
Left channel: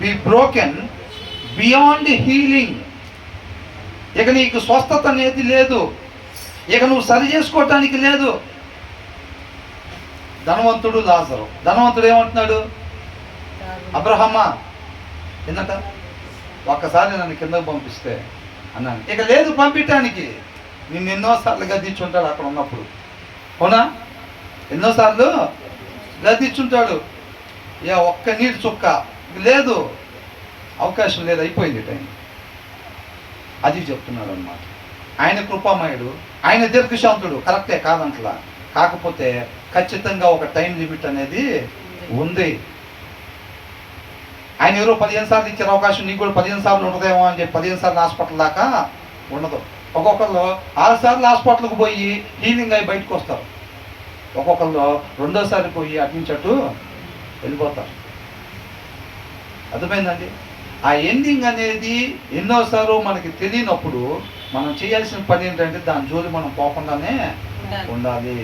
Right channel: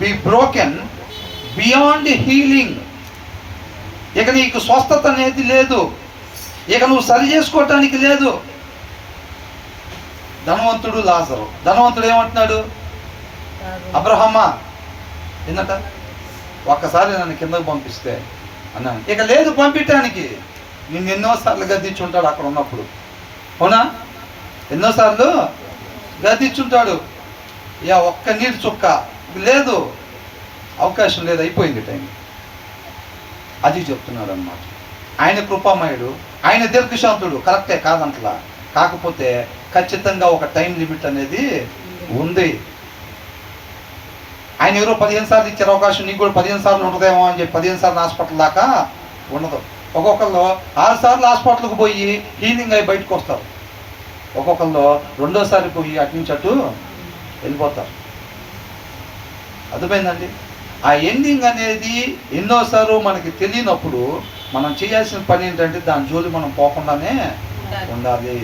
be broken beyond healing. ఇక నీకు స్వస్థత అనేది లేదు, ఇక నువ్వు సరి చేసుకోవటానికి లేదు. ధనవంతుడు లాజరు, ధనవంతుడు ఏమంటున్నాడు, అబ్రహమా ఏంటంట, ఒక్కసారి నన్ను కిందకు పంపిస్తే అన్నాను, ఇక లేదు పంపించడానికి, నిన్ను ఎన్నోసార్లు గద్దించుంటాడు అక్కడ ఉన్నప్పుడు, అవునా, ఎన్నోసార్లు గద్దించుంటాడు, ఒక్క నీటి చుక్క లేదు, అవకాశం లేదు, అయిపోయింది టైం. అది చెప్తున్నాడు అన్నమాట. ఆయన కృపామయుడు, ఆయన దీర్ఘశాంతుడు, కరెక్టే కాదంటలా, కాకపోతే ఖచ్చితంగా ఒక టైం లిమిట్ అనేది ఉంది. ఆయన ఎవరో 15 సార్లు ఇచ్చారు అవకాశం, నీకు కూడా 15 సార్లు ఉంటుందేమో అని చెప్పి 15 సార్లు హాస్పిటల్ దాకా ఉండదు. ఒక్కొక్కళ్ళు 6 సార్లు హాస్పిటల్కి పోయి హీలింగ్ అయి బయటకు వస్తారు, ఒక్కొక్కళ్ళు 2వ సారి పోయి అటు నుంచి అటు వెళ్ళిపోతారు. అర్థమైందండి. ఆ ఎండింగ్ అనేది ఎన్నోసార్లు మనకి తెలియనప్పుడు మనం చేయాల్సిన పని ఏంటంటే దాని జోలి మనం పోకుండానే ఉండాలి,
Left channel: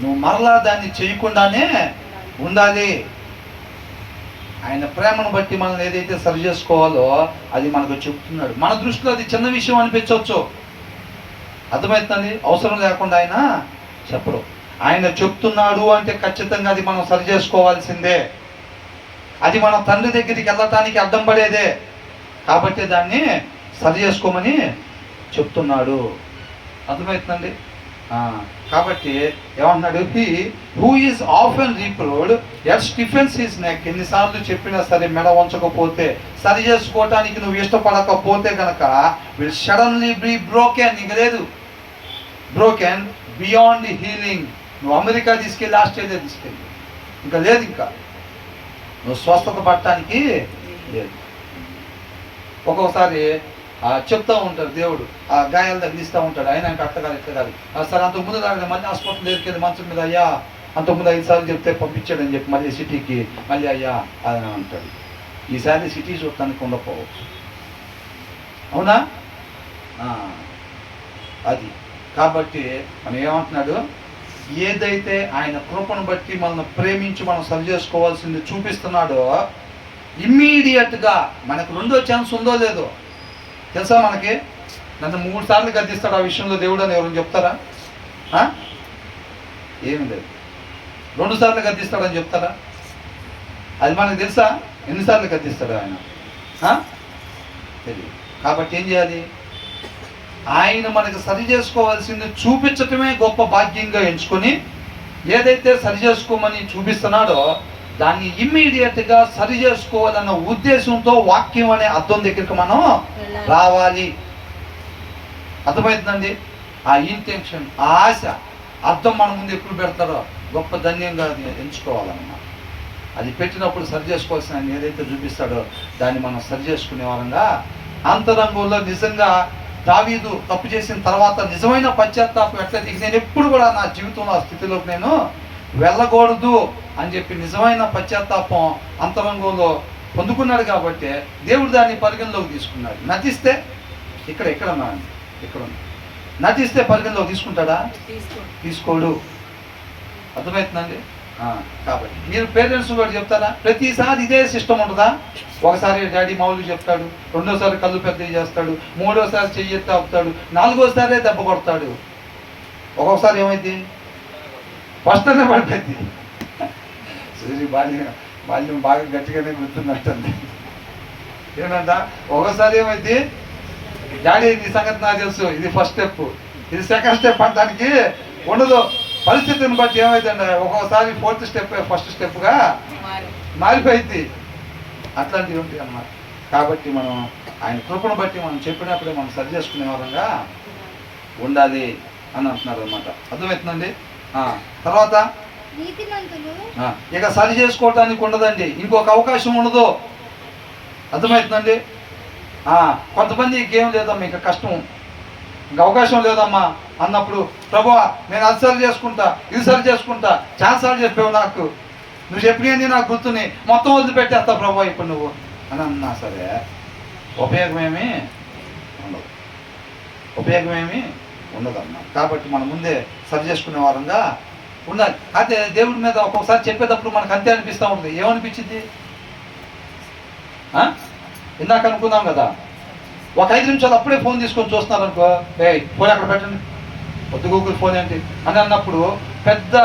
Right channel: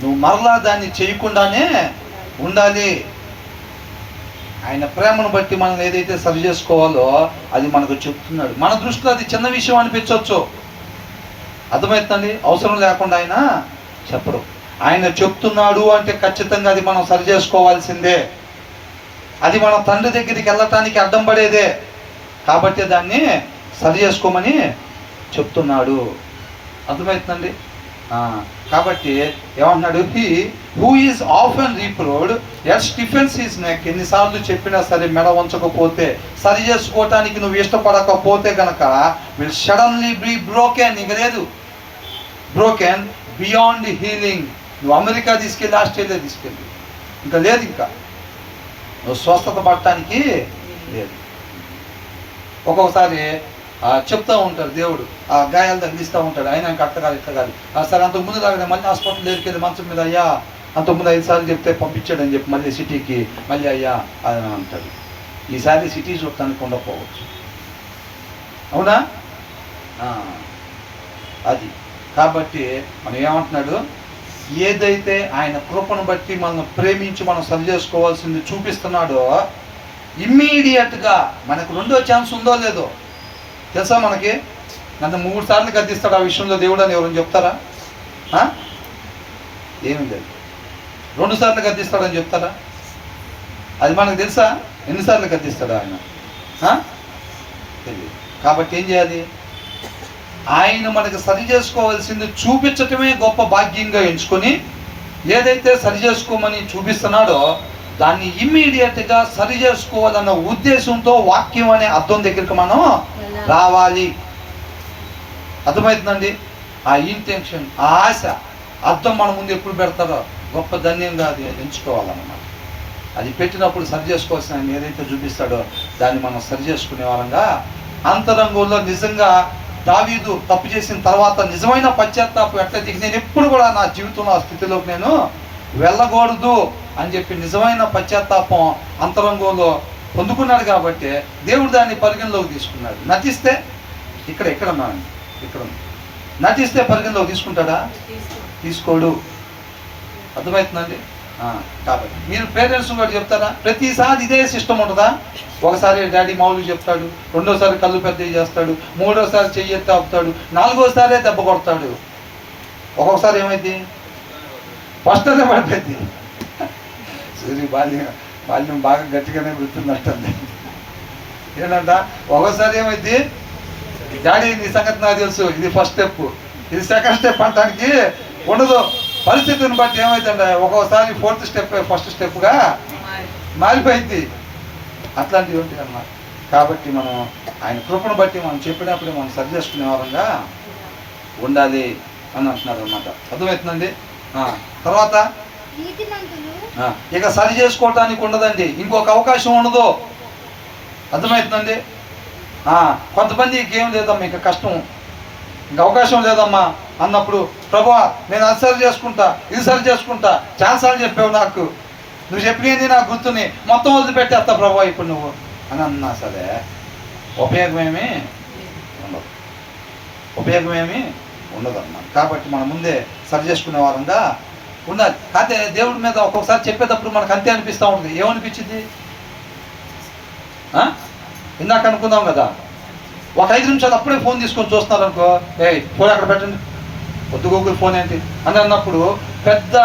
నువ్వు మరలా దాన్ని చేయకుండానే ఉండాలి. ఆయన ప్రేమను బట్టి మనం ఏదైతే సరి చేసుకోవాలో అది మనకు చెప్తున్నాడు. మన దృష్టిలో అది చిన్న విషయం అనిపించవచ్చు, అర్థమవుతుందండి, అవసరం లేకుండా ఆయన చెప్పడు. ఆయన చెప్తున్నాడు అంటే ఖచ్చితంగా అది మనం సరి చేసుకోవాల్సిందే, అది మన తండ్రి దగ్గరికి వెళ్ళటానికి అడ్డం పడేదే, కాబట్టి దాన్ని సరి చేసుకోమని చెప్తున్నాడు. అర్థమవుతుందండి. కాబట్టి ఏమంటున్నాడు, he who is often reproved yet stiffens his neck. ఎన్నిసార్లు చెప్పినా సరే మెడ వంచకపోతే, సరి చేసుకోవటానికి నువ్వు ఇష్టపడకపోతే కనుక విల్ సడన్లీ బీ బ్రోకెన్, ఇక లేదు, బ్రోకెన్ బియాండ్ హీలింగ్. నువ్వు అమెరికా తీసుకెళ్ళి, ఆస్ట్రేలియా తీసుకెళ్ళి, ఇంకా లేదు, ఇంకా నువ్వు స్వస్థత పడటానికి లేదు. ఒక్కొక్కసారి చెప్తూ ఉంటారు దేవుడు, ఆ గాయాలు తగిలిస్తూ ఉంటాడు, ఆయన అట్టగాలి ఇట్టగాలి. సరే అంతకు ముందు తాగడం, మళ్ళీ హాస్పిటల్ దగ్గరికి వెళ్ళి మంచం మీద, అయ్యా అంతకుముందు 5 సార్లు చెప్తే పంపించాడని చెప్పి మళ్ళీ సిటీకి మళ్ళీ అయ్యా అని అంటాడు. ఈసారి సిటీ చూడటానికి ఉండకపోవచ్చు. అవునా? అది కాబట్టి మనం ఏమంటున్నాడు, ఏదైతే ఆయన కృపను బట్టి మనం ప్రేమించి మనం సరి చేసుకోవాల్సింది చూపిస్తున్నాడో, ఇమ్మీడియట్గా మనకు రెండో ఛాన్స్ ఉందో లేదో తెలుసా మనకి. నన్ను 3 సార్లు గద్దిస్తాడు ఆ విషయంలో దేవుడు అని ఎవరైనా చెప్తారా? ఏమీ లేదు. 2 సార్లు గద్దిస్తాడని చెప్తారా? అది మనకు తెలుసా? ఎన్నిసార్లు గద్దిస్తాడు ఆయన? తెలియదు. కాబట్టి ఏం చేయాలి? ఆయన మనకి సరి చేసుకోవాల్సింది చూపించటమే గొప్ప భాగ్యంగా ఎంచుకొని, ఏదైతే సరి చేసుకోమని చూపిస్తున్నాడో దాన్ని ఇమ్మీడియట్గా సరి చేసుకోవాలన్న ఉద్దేశంతో వాక్యం అనే అర్థం దగ్గరికి మనం రావాలి. అర్థమవుతుందండి? ఆ ఇంటెన్షన్, ఆ ఆశ, అర్థం మన ముందు ఎప్పుడు పెడతారో గొప్ప ధన్యంగా అది ఎంచుకోవాలన్నమాట. అది పెట్టినప్పుడు సరి చేసుకోవాల్సిన ఆయన ఏదైతే చూపిస్తాడో దాన్ని మనం సరి చేసుకునే వాళ్ళంగా అంతరంగంలో నిజంగా దావీదు తప్పు చేసిన తర్వాత నిజమైన పశ్చాత్తాపం ఎట్లయితే నేను ఎప్పుడు కూడా నా జీవితంలో ఆ స్థితిలోకి నేను వెళ్ళకూడదు అని చెప్పి నిజమైన పశ్చాత్తాపం అంతరంగంలో పొందుకున్నాడు కాబట్టి దేవుడు దాన్ని పరిగణలోకి తీసుకున్నాడు. నటిస్తే ఇక్కడ నటిస్తే పరిగణలోకి తీసుకుంటాడా? తీసుకోడు. అర్థమవుతుందండి? కాబట్టి మీరు పేరెంట్స్ కూడా చెప్తారా? ప్రతిసారి ఇదే సిస్టమ్ ఉంటుందా? ఒకసారి డాడీ మామూలు చెప్తాడు, రెండోసారి కళ్ళు పెద్దవి చేస్తాడు, మూడోసారి చెయ్యి ఎత్తి ఆపుతాడు, 4వసారే దెబ్బ కొడతాడు. ఒక్కొక్కసారి ఏమైంది? ఫస్ట్ అనే పడిపోయింది. సూర్య బాల్యం బాగా గట్టిగానే గుర్తున్నట్టుంది. ఏంటంట ఒక్కోసారి ఏమైంది? డాడీ నీ సంగతి నాకు తెలుసు, ఇది ఫస్ట్ స్టెప్, ఇది సెకండ్ స్టెప్ అనడానికి ఉండదు. పరిస్థితిని బట్టి ఏమైందండి, ఒక్కోసారి 4th స్టెప్ ఫస్ట్ స్టెప్గా మారిపోయింది. అట్లాంటివి ఉంటాయి అన్నమాట. కాబట్టి మనం ఆయన కృపను బట్టి మనం చెప్పినప్పుడే మనం సరి చేసుకునే వారంగా ఉండాలి అని అంటున్నారు అన్నమాట. అర్థమవుతుందండి? తర్వాత ఇక సరి చేసుకోవటానికి ఉండదండి, ఇంకొక అవకాశం ఉండదు. అర్థమవుతుందండి? కొంతమందికి ఏం లేదమ్మా, ఇంకా కష్టం, ఇంకా అవకాశం లేదమ్మా అన్నప్పుడు, ప్రభువా నేను అది సరి చేసుకుంటా, ఇది సరి చేసుకుంటా, చాలాసార్లు చెప్పావు నాకు, నువ్వు చెప్పినది నాకు గుర్తుని, మొత్తం వదిలిపెట్టేస్తా ప్రభువా ఇప్పుడు నువ్వు అని అన్నా సరే ఉపయోగమేమీ ఉండదమ్మా. కాబట్టి మనం ముందే సరి చేసుకునే వారంగా ఉండాలి. అయితే దేవుడి మీద ఒక్కొక్కసారి చెప్పేటప్పుడు మనకు అంతే అనిపిస్తూ ఉంటుంది. ఏమనిపించింది? ఇందాక అనుకుందాం కదా, ఒక 5 నిమిషాలు అప్పుడే ఫోన్ తీసుకొని చూస్తున్నారు అనుకో, ఫోన్ ఎక్కడ పెట్టండి, వద్దు గూగుల్ ఫోన్ ఏంటి అని అన్నప్పుడు పెద్ద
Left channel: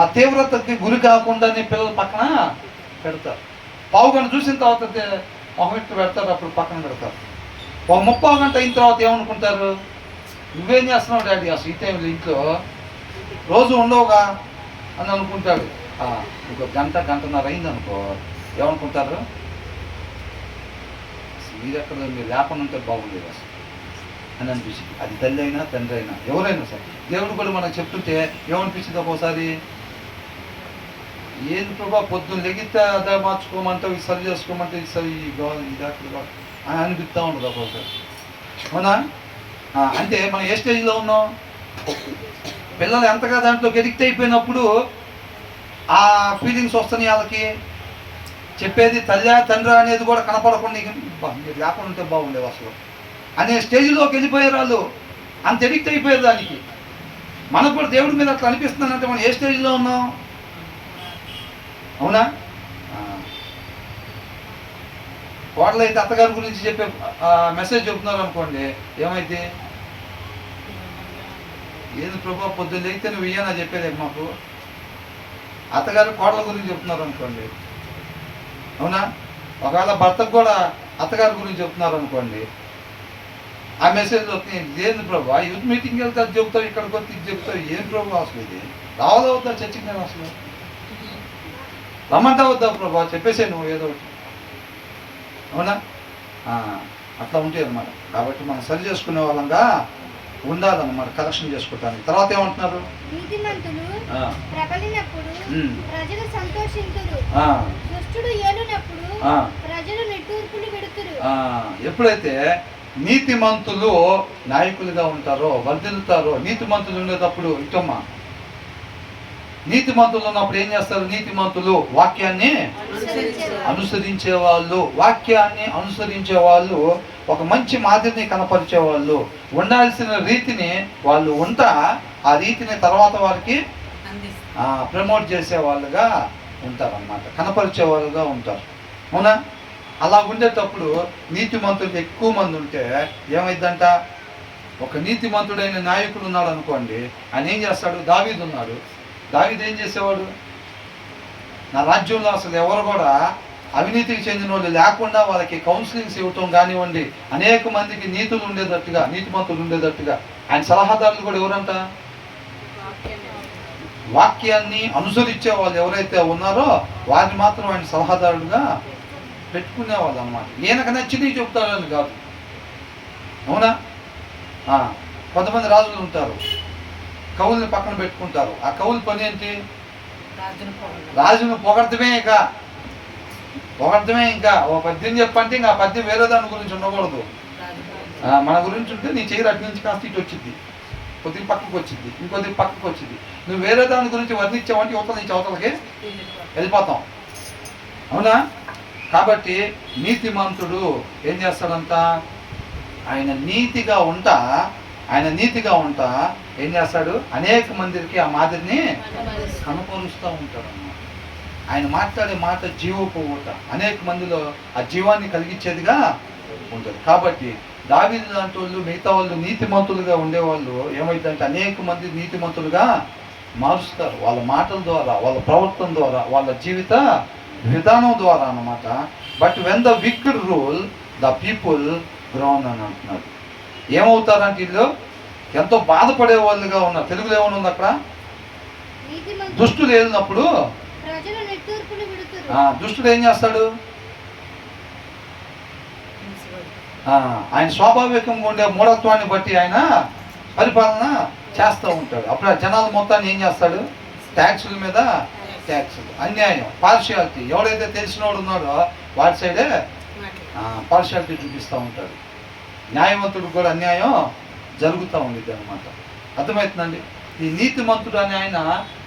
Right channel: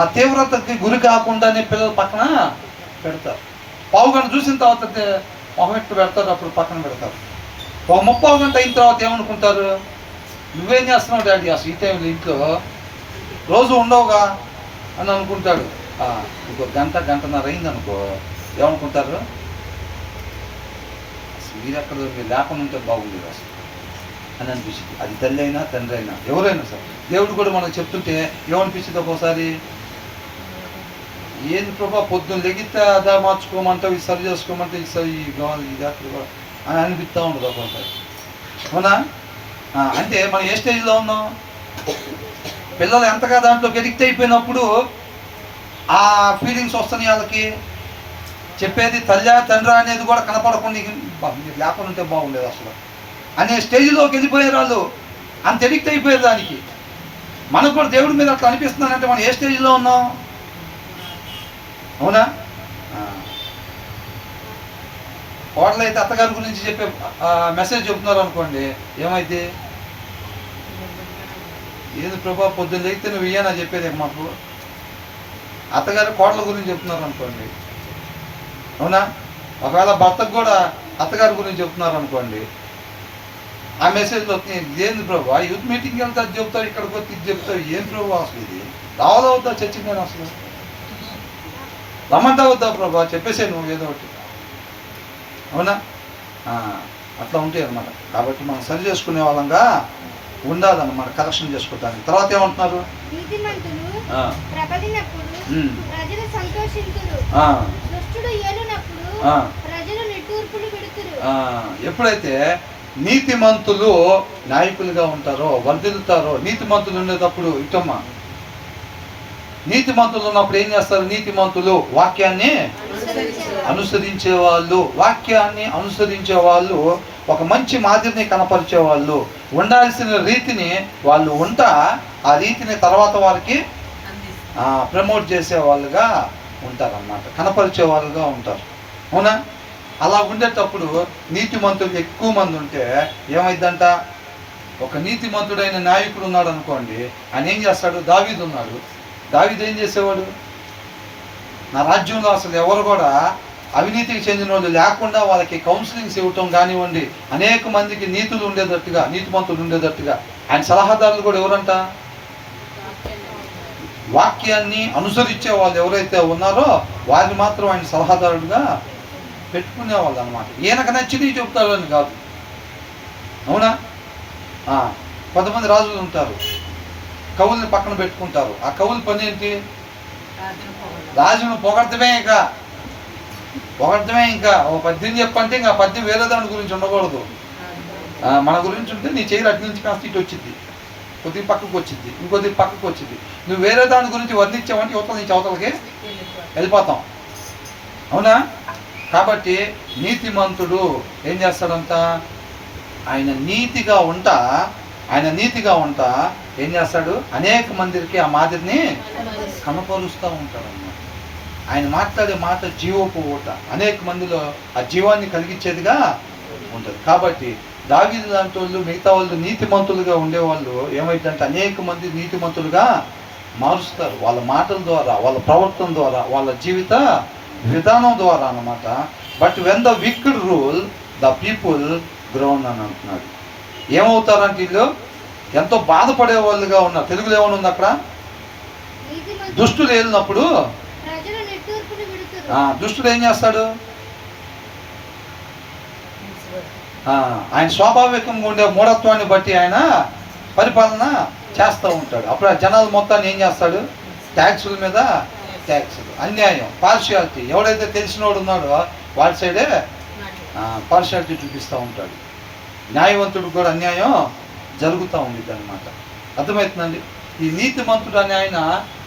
ఆ తీవ్రతకి గురి కాకుండానే పిల్లలు పక్కన పెడతారు. పావుగంట చూసిన తర్వాత మొహం ఎట్టు పెడతారు, అప్పుడు పక్కన పెడతారు. ఒక 30 గంట అయిన తర్వాత ఏమనుకుంటారు? నువ్వేం చేస్తున్నావు డాడీ అసలు ఈ టైంలో ఇంట్లో, రోజు ఉండవుగా అని అనుకుంటాడు. ఇంకో గంటన్నర అయిందనుకో, ఏమనుకుంటారు? మీరు ఎక్కడ మీరు లేకుండా ఉంటే బాగుండేది అసలు అని అనిపిస్తుంది. అది తల్లి అయినా తండ్రి అయినా ఎవరైనా సరే. దేవుడు కూడా మనకు చెప్తుంటే ఏమనిపించింది ఒక్కోసారి, ఏం ప్రభా పొద్దున్న లెగితే అదా మార్చుకోమంటావు, ఇది సరి చేసుకోమంటే ఇది సరి ఇది అక్కడ అని అనిపిస్తూ ఉండదు ఒక్కోసారి. అవునా? అంటే మనం ఏ స్టేజ్లో ఉన్నాం? పిల్లలు ఎంతగా దాంట్లోకి ఎడిక్ట్ అయిపోయినప్పుడు ఆ ఫీలింగ్స్ వస్తున్నాయి వాళ్ళకి. చెప్పేది తల్లి తండ్రి అనేది కూడా కనపడకుండా మీరు లేకుండా ఉంటే బాగుండేది అసలు అనే స్టేజ్లోకి వెళ్ళిపోయారు వాళ్ళు. అంత ఎడిక్ట్ అయిపోయారు దానికి. మనకు కూడా దేవుడి మీద అట్లా అనిపిస్తుందంటే మనం ఏ స్టేజ్లో ఉన్నాం? అవునా? కోడలు అయితే అత్తగారి గురించి చెప్పే మెసేజ్ చెబుతున్నారు అనుకోండి, ఏమైతే ఏది ప్రభా పొద్దున్న లేకపోతే నువ్వు ఇయ్యనా చెప్పేది మాకు. అత్తగారు కోడల గురించి చెప్తున్నారు అనుకోండి, అవునా? ఒకవేళ భర్తకు కూడా అత్తగారి గురించి చెప్తున్నారు అనుకోండి, ఆ మెసేజ్లో ఏంది ప్రభు యూత్ మీటింగ్కి వెళ్తే అది చెప్తావు, ఇక్కడికి వచ్చి ఇది చెప్తావు, ఏం ప్రభు అసలు ఇది రావదవుతా చర్చికి నేను అసలు రమ్మంటా వద్దా ప్రభు చెప్పేసే నువ్వు ఏదో ఒకటి. అవునా? అట్లా ఉంటాయి అన్నమాట. కాబట్టి మనం సరి చేసుకునే వాళ్ళంగా ఉండాలన్నమాట కరెక్షన్ చేసుకోవటానికి. తర్వాత ఏమంటున్నారు? నీతిమంతులు ఆ, ప్రబలినప్పుడు ఉమ్, ప్రజలు సంతోషింతురు. ఆ, దుష్టుడు ఏలునప్పుడు ఆ. ప్రజలు నిట్టూర్పులు విడుతురు. ఆ, ఎప్పుడైతే నీతిమంతులు నాయకులుగా ఉంటారో, వర్ధిల్లుతారో, నీతిమంతులు ఉండేటప్పుడు ఇటమ్మా, నీతిమంతులు ఉన్నప్పుడు ఏం చేస్తారు? నీతిమంతులు వాక్యాన్ని అనుసరించే వాళ్ళు, వాక్యాన్ని అనుసరించే వాళ్ళు, ఒక మంచి మాదిరిని కనపరిచే వాళ్ళు, ఉండాల్సిన రీతిని వాళ్ళు ఉంటా ఆ రీతిని తర్వాత వారికి ప్రమోట్ చేసే వాళ్ళుగా ఉంటారన్నమాట, కనపరిచే వాళ్ళుగా ఉంటారు. అవునా? అలా ఉండేటప్పుడు నీతిమంతులు ఎక్కువ మంది ఉంటే ఏమైందంట? ఒక నీతిమంతుడైన నాయకుడు ఉన్నాడు అనుకోండి, ఆయన ఏం చేస్తాడు? దావీదు ఉన్నాడు. దావీదు ఏం చేసేవాడు? నా రాజ్యంలో అసలు ఎవరు కూడా అవినీతికి చెందిన వాళ్ళు లేకుండా వాళ్ళకి కౌన్సిలింగ్స్ ఇవ్వటం కానివ్వండి, అనేక మందికి నీతులు ఉండేటట్టుగా, నీతిమంతులు ఉండేటట్టుగా. ఆయన సలహాదారులు కూడా ఎవరంట? వాక్యాన్ని అనుసరించే వాళ్ళు ఎవరైతే ఉన్నారో వారిని మాత్రం ఆయన సలహాదారుడుగా పెట్టుకునేవాళ్ళు అనమాట. ఈయనకు నచ్చినవి చెప్తారని కాదు. అవునా? కొంతమంది రాజులు ఉంటారు, కవుల్ని పక్కన పెట్టుకుంటారు. ఆ కవుల పని ఏంటి? రాజును పొగడతమే. ఇంకా ఓ పద్యం చెప్పంటే ఇంకా ఆ పద్యం వేరే దాని గురించి ఉండకూడదు. మన గురించి ఉంటే నీ చెయ్యి అటు నుంచి కాస్త ఇటు వచ్చింది, కొద్దిగా పక్కకు వచ్చింది, ఇంకొద్దిగా పక్కకు వచ్చింది. నువ్వు వేరే దాని గురించి వర్ణించావంటే యువతల నుంచి అవతలకి వెళ్ళిపోతాం. అవునా? కాబట్టి నీతిమంతుడు ఏం చేస్తాడంట? ఆయన నీతిగా ఉంటా ఏం చేస్తాడు? అనేక మందికి ఆ మాదిరిని కనపరుస్తూ ఉంటాడు అన్నమాట. ఆయన మాట్లాడే మాట జీవపు ఊట, అనేక మందిలో ఆ జీవాన్ని కలిగించేదిగా ఉంటుంది. కాబట్టి దావీదు లాంటి వాళ్ళు, మిగతా వాళ్ళు నీతిమంతులుగా ఉండేవాళ్ళు ఏమైందంటే అనేక మంది నీతిమంతులుగా మారుస్తారు వాళ్ళ మాటల ద్వారా, వాళ్ళ ప్రవర్తన ద్వారా, వాళ్ళ జీవిత విధానం ద్వారా అన్నమాట. But when the wicked rule the people grown అని అంటున్నాడు. ఏమవుతారంటే వీళ్ళు ఎంతో బాధపడే వాళ్ళుగా ఉన్నారు. తెలుగులో ఏమైనా ఉంది అక్కడ? దుష్టులు వెళ్ళినప్పుడు దుష్టుడు ఏం చేస్తాడు? ఆయన స్వాభావికంగా ఉండే మూఢత్వాన్ని బట్టి ఆయన పరిపాలన చేస్తూ ఉంటాడు. అప్పుడు ఆ జనాలు మొత్తాన్ని ఏం చేస్తాడు? ట్యాక్సుల మీద ట్యాక్సులు, అన్యాయం, పార్షియాలిటీ. ఎవడైతే తెలిసినోడు ఉన్నాడో వాడి సైడే పార్షియాలిటీ చూపిస్తూ ఉంటాడు. న్యాయవంతుడికి కూడా అన్యాయం జరుగుతూ ఉండేది అనమాట. అర్థమవుతుందండి? ఈ నీతిమంతుడు అని ఆయన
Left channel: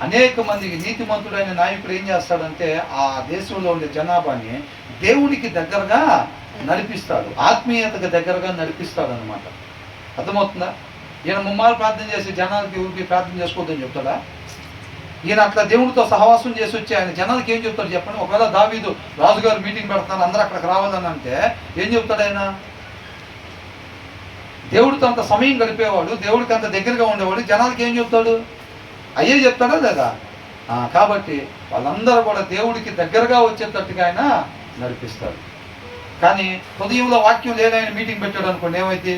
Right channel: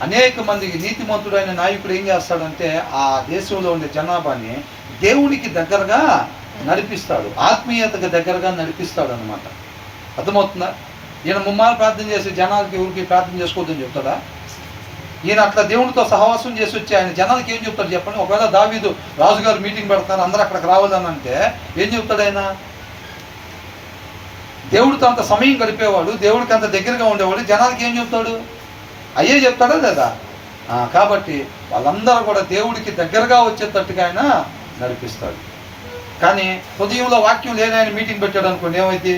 అనేక మందికి, నీతిమంతుడైన నాయకుడు ఏం చేస్తాడంటే ఆ దేశంలో ఉండే జనాభాని దేవుడికి దగ్గరగా నడిపిస్తాడు, ఆత్మీయతకు దగ్గరగా నడిపిస్తాడు అనమాట. అర్థమవుతుందా? ఈయన ముమ్మారు ప్రార్థన చేసి జనాలకి ఊరికి ప్రార్థన చేసుకోవద్దని చెప్తాడా? ఈయన అట్లా దేవుడితో సహవాసం చేసి వచ్చి ఆయన జనాలకి ఏం చెప్తాడు చెప్పండి? ఒకవేళ దావీదు రాజుగారు మీటింగ్ పెడతారు, అందరూ అక్కడికి రావాలని అంటే ఏం చెప్తాడు ఆయన? దేవుడితో అంత సమయం గడిపేవాడు, దేవుడికి అంత దగ్గరగా ఉండేవాడు, జనాలకి ఏం చెప్తాడు? అయ్యే చెప్తాడా లేదా? కాబట్టి వాళ్ళందరూ కూడా దేవుడికి దగ్గరగా వచ్చేటట్టుగా ఆయన నడిపిస్తాడు. కానీ హృదయంలో వాక్యం లేని ఆయన మీటింగ్ పెట్టాడు అనుకోండి, ఏమైంది?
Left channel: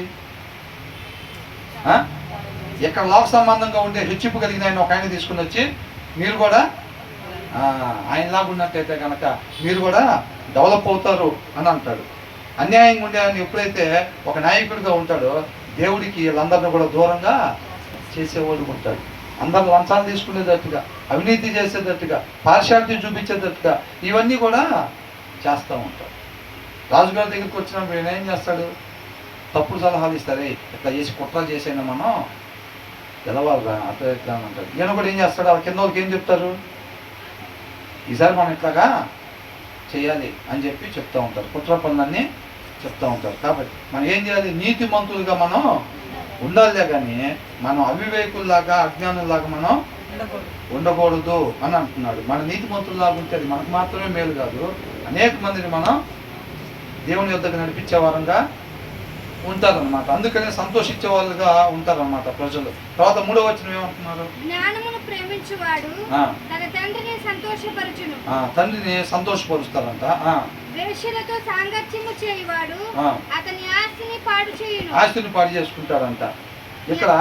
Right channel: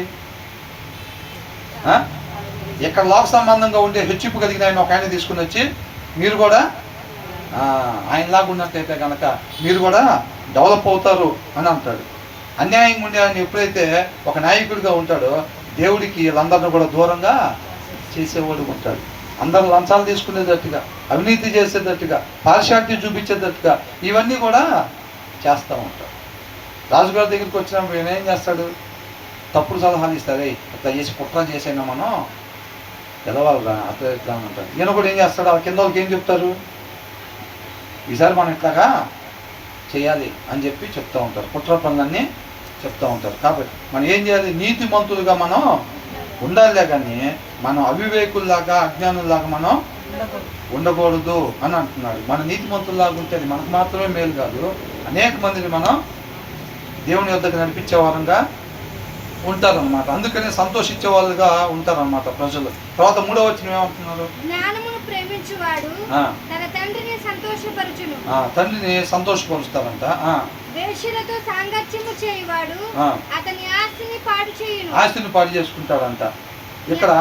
ఎక్కడ లోక సంబంధంగా ఉండే హెచ్చింపు కలిగిన ఆయన ఒక ఆయన తీసుకుని వచ్చి మీరు కూడా ఆయనలాగా ఉన్నట్టయితే కనుక మీరు కూడా డెవలప్ అవుతారు అని అంటాడు. అన్యాయంగా ఉండే ఆయన ఎప్పుడైతే ఒక నాయకుడిగా ఉంటాడో దేవుడికి వీళ్ళందరినీ కూడా దూరంగా చేసేవాడు ఉంటాడు. అందరు లంచాలు తీసుకునేటట్టుగా, అవినీతి చేసేటట్టుగా, పార్షాలిటీ చూపించేటట్టుగా ఇవన్నీ కూడా చేస్తూ ఉంటాడు. రాజుగారి దగ్గరికి వచ్చినప్పుడు ఈయన ఏం చేస్తాడు? తప్పుడు సలహాలు ఇస్తారే, ఇట్లా చేసి కుట్ర చేసైనా మనం గెలవాలిరా అట్లా అంటాడు. ఈయన కూడా ఏం చేస్తాడు? ఆ కింద వాళ్ళకి ఏం చెప్తారు? ఈసారి మనం ఇట్లాగా చేయాలి అని చెప్పి చెప్తూ ఉంటారు, కుట్ర పనులన్నీ చెప్తూ ఉంటారు. కాబట్టి మనం ఏం చేయాలి? నీతిమంతులుగా మనం ఉండాలే కానీ మనం అవివేకుల్లాగా, అజ్ఞానుల్లాగా మనం ఉండకూడదు అని అంటున్నాడు. మన నీతిమంతుల్లాగా ఉంటే అది మనకు మాత్రమే మేలు కాదు, అనేక మందిని మనం దేవుని యొద్దకు నడిపించే వారంగా ఉంటారన్నమాట. అందుకని సంతోషించే వాళ్ళుగా ఉంటారన్నమాట ప్రజలు. తర్వాత 3వ వచనం ఏమంటున్నారు? జ్ఞానమును ప్రేమించువాడు తన తండ్రిని సంతోషపరచును. తండ్రిని సంతోషపరుస్తారంట. వేశ్యలతో సాంగత్యము చేయువాడు అతని ఆస్తిని పాడు చేయును. ఆస్తిని పాడు చేసుకుంటారంట. ఇక్కడ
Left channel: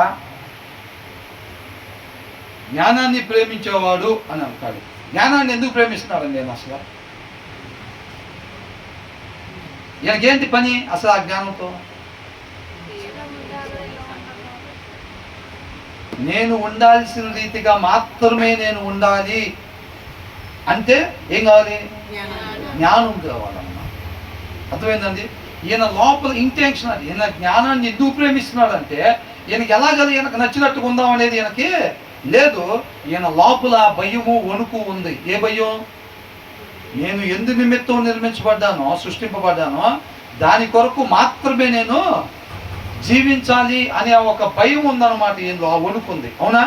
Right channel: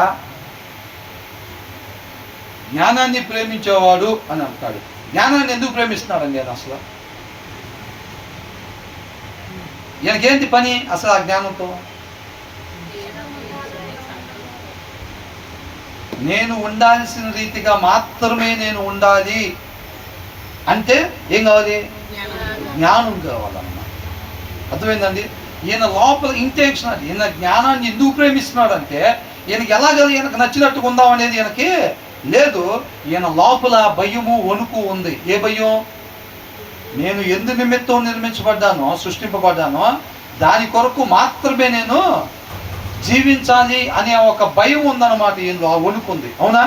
జ్ఞానాన్ని ప్రేమించేవాడు అని అంటాడు. జ్ఞానాన్ని ఎందుకు ప్రేమిస్తున్నాడండి నేను అసలు? ఈయనకేంటి పని అసలు ఆ జ్ఞానంతో? నేను ఉండాల్సిన రీతిగా మాత్రమే నేను ఉండాలి అంటే ఏం కావాలి? జ్ఞానం కావాలన్నమాట. అర్థమైందండి? ఈయన లోపల ఇంటెన్షన్ అది. ఈయన జ్ఞానాన్ని ఎందుకు ప్రేమిస్తున్నాడు అంటే ఈయనకి ఎలాగది ఈయనకు నచ్చినట్టుగా ఉందాం అనేది ఈయనకి లేదు. ఈయన లోపల భయము వణుకు ఉంది. ఏ భయం? నేను ఎందు నిమిత్తం నిర్మించబడ్డానో సృష్టింపబడ్డానో దాని కొరకు మాత్రమే నేను జీవించాలి అనే ఒక భయం ఉందన్నమాట. ఈయనలో ఆ వణుకు ఉంది. అవునా?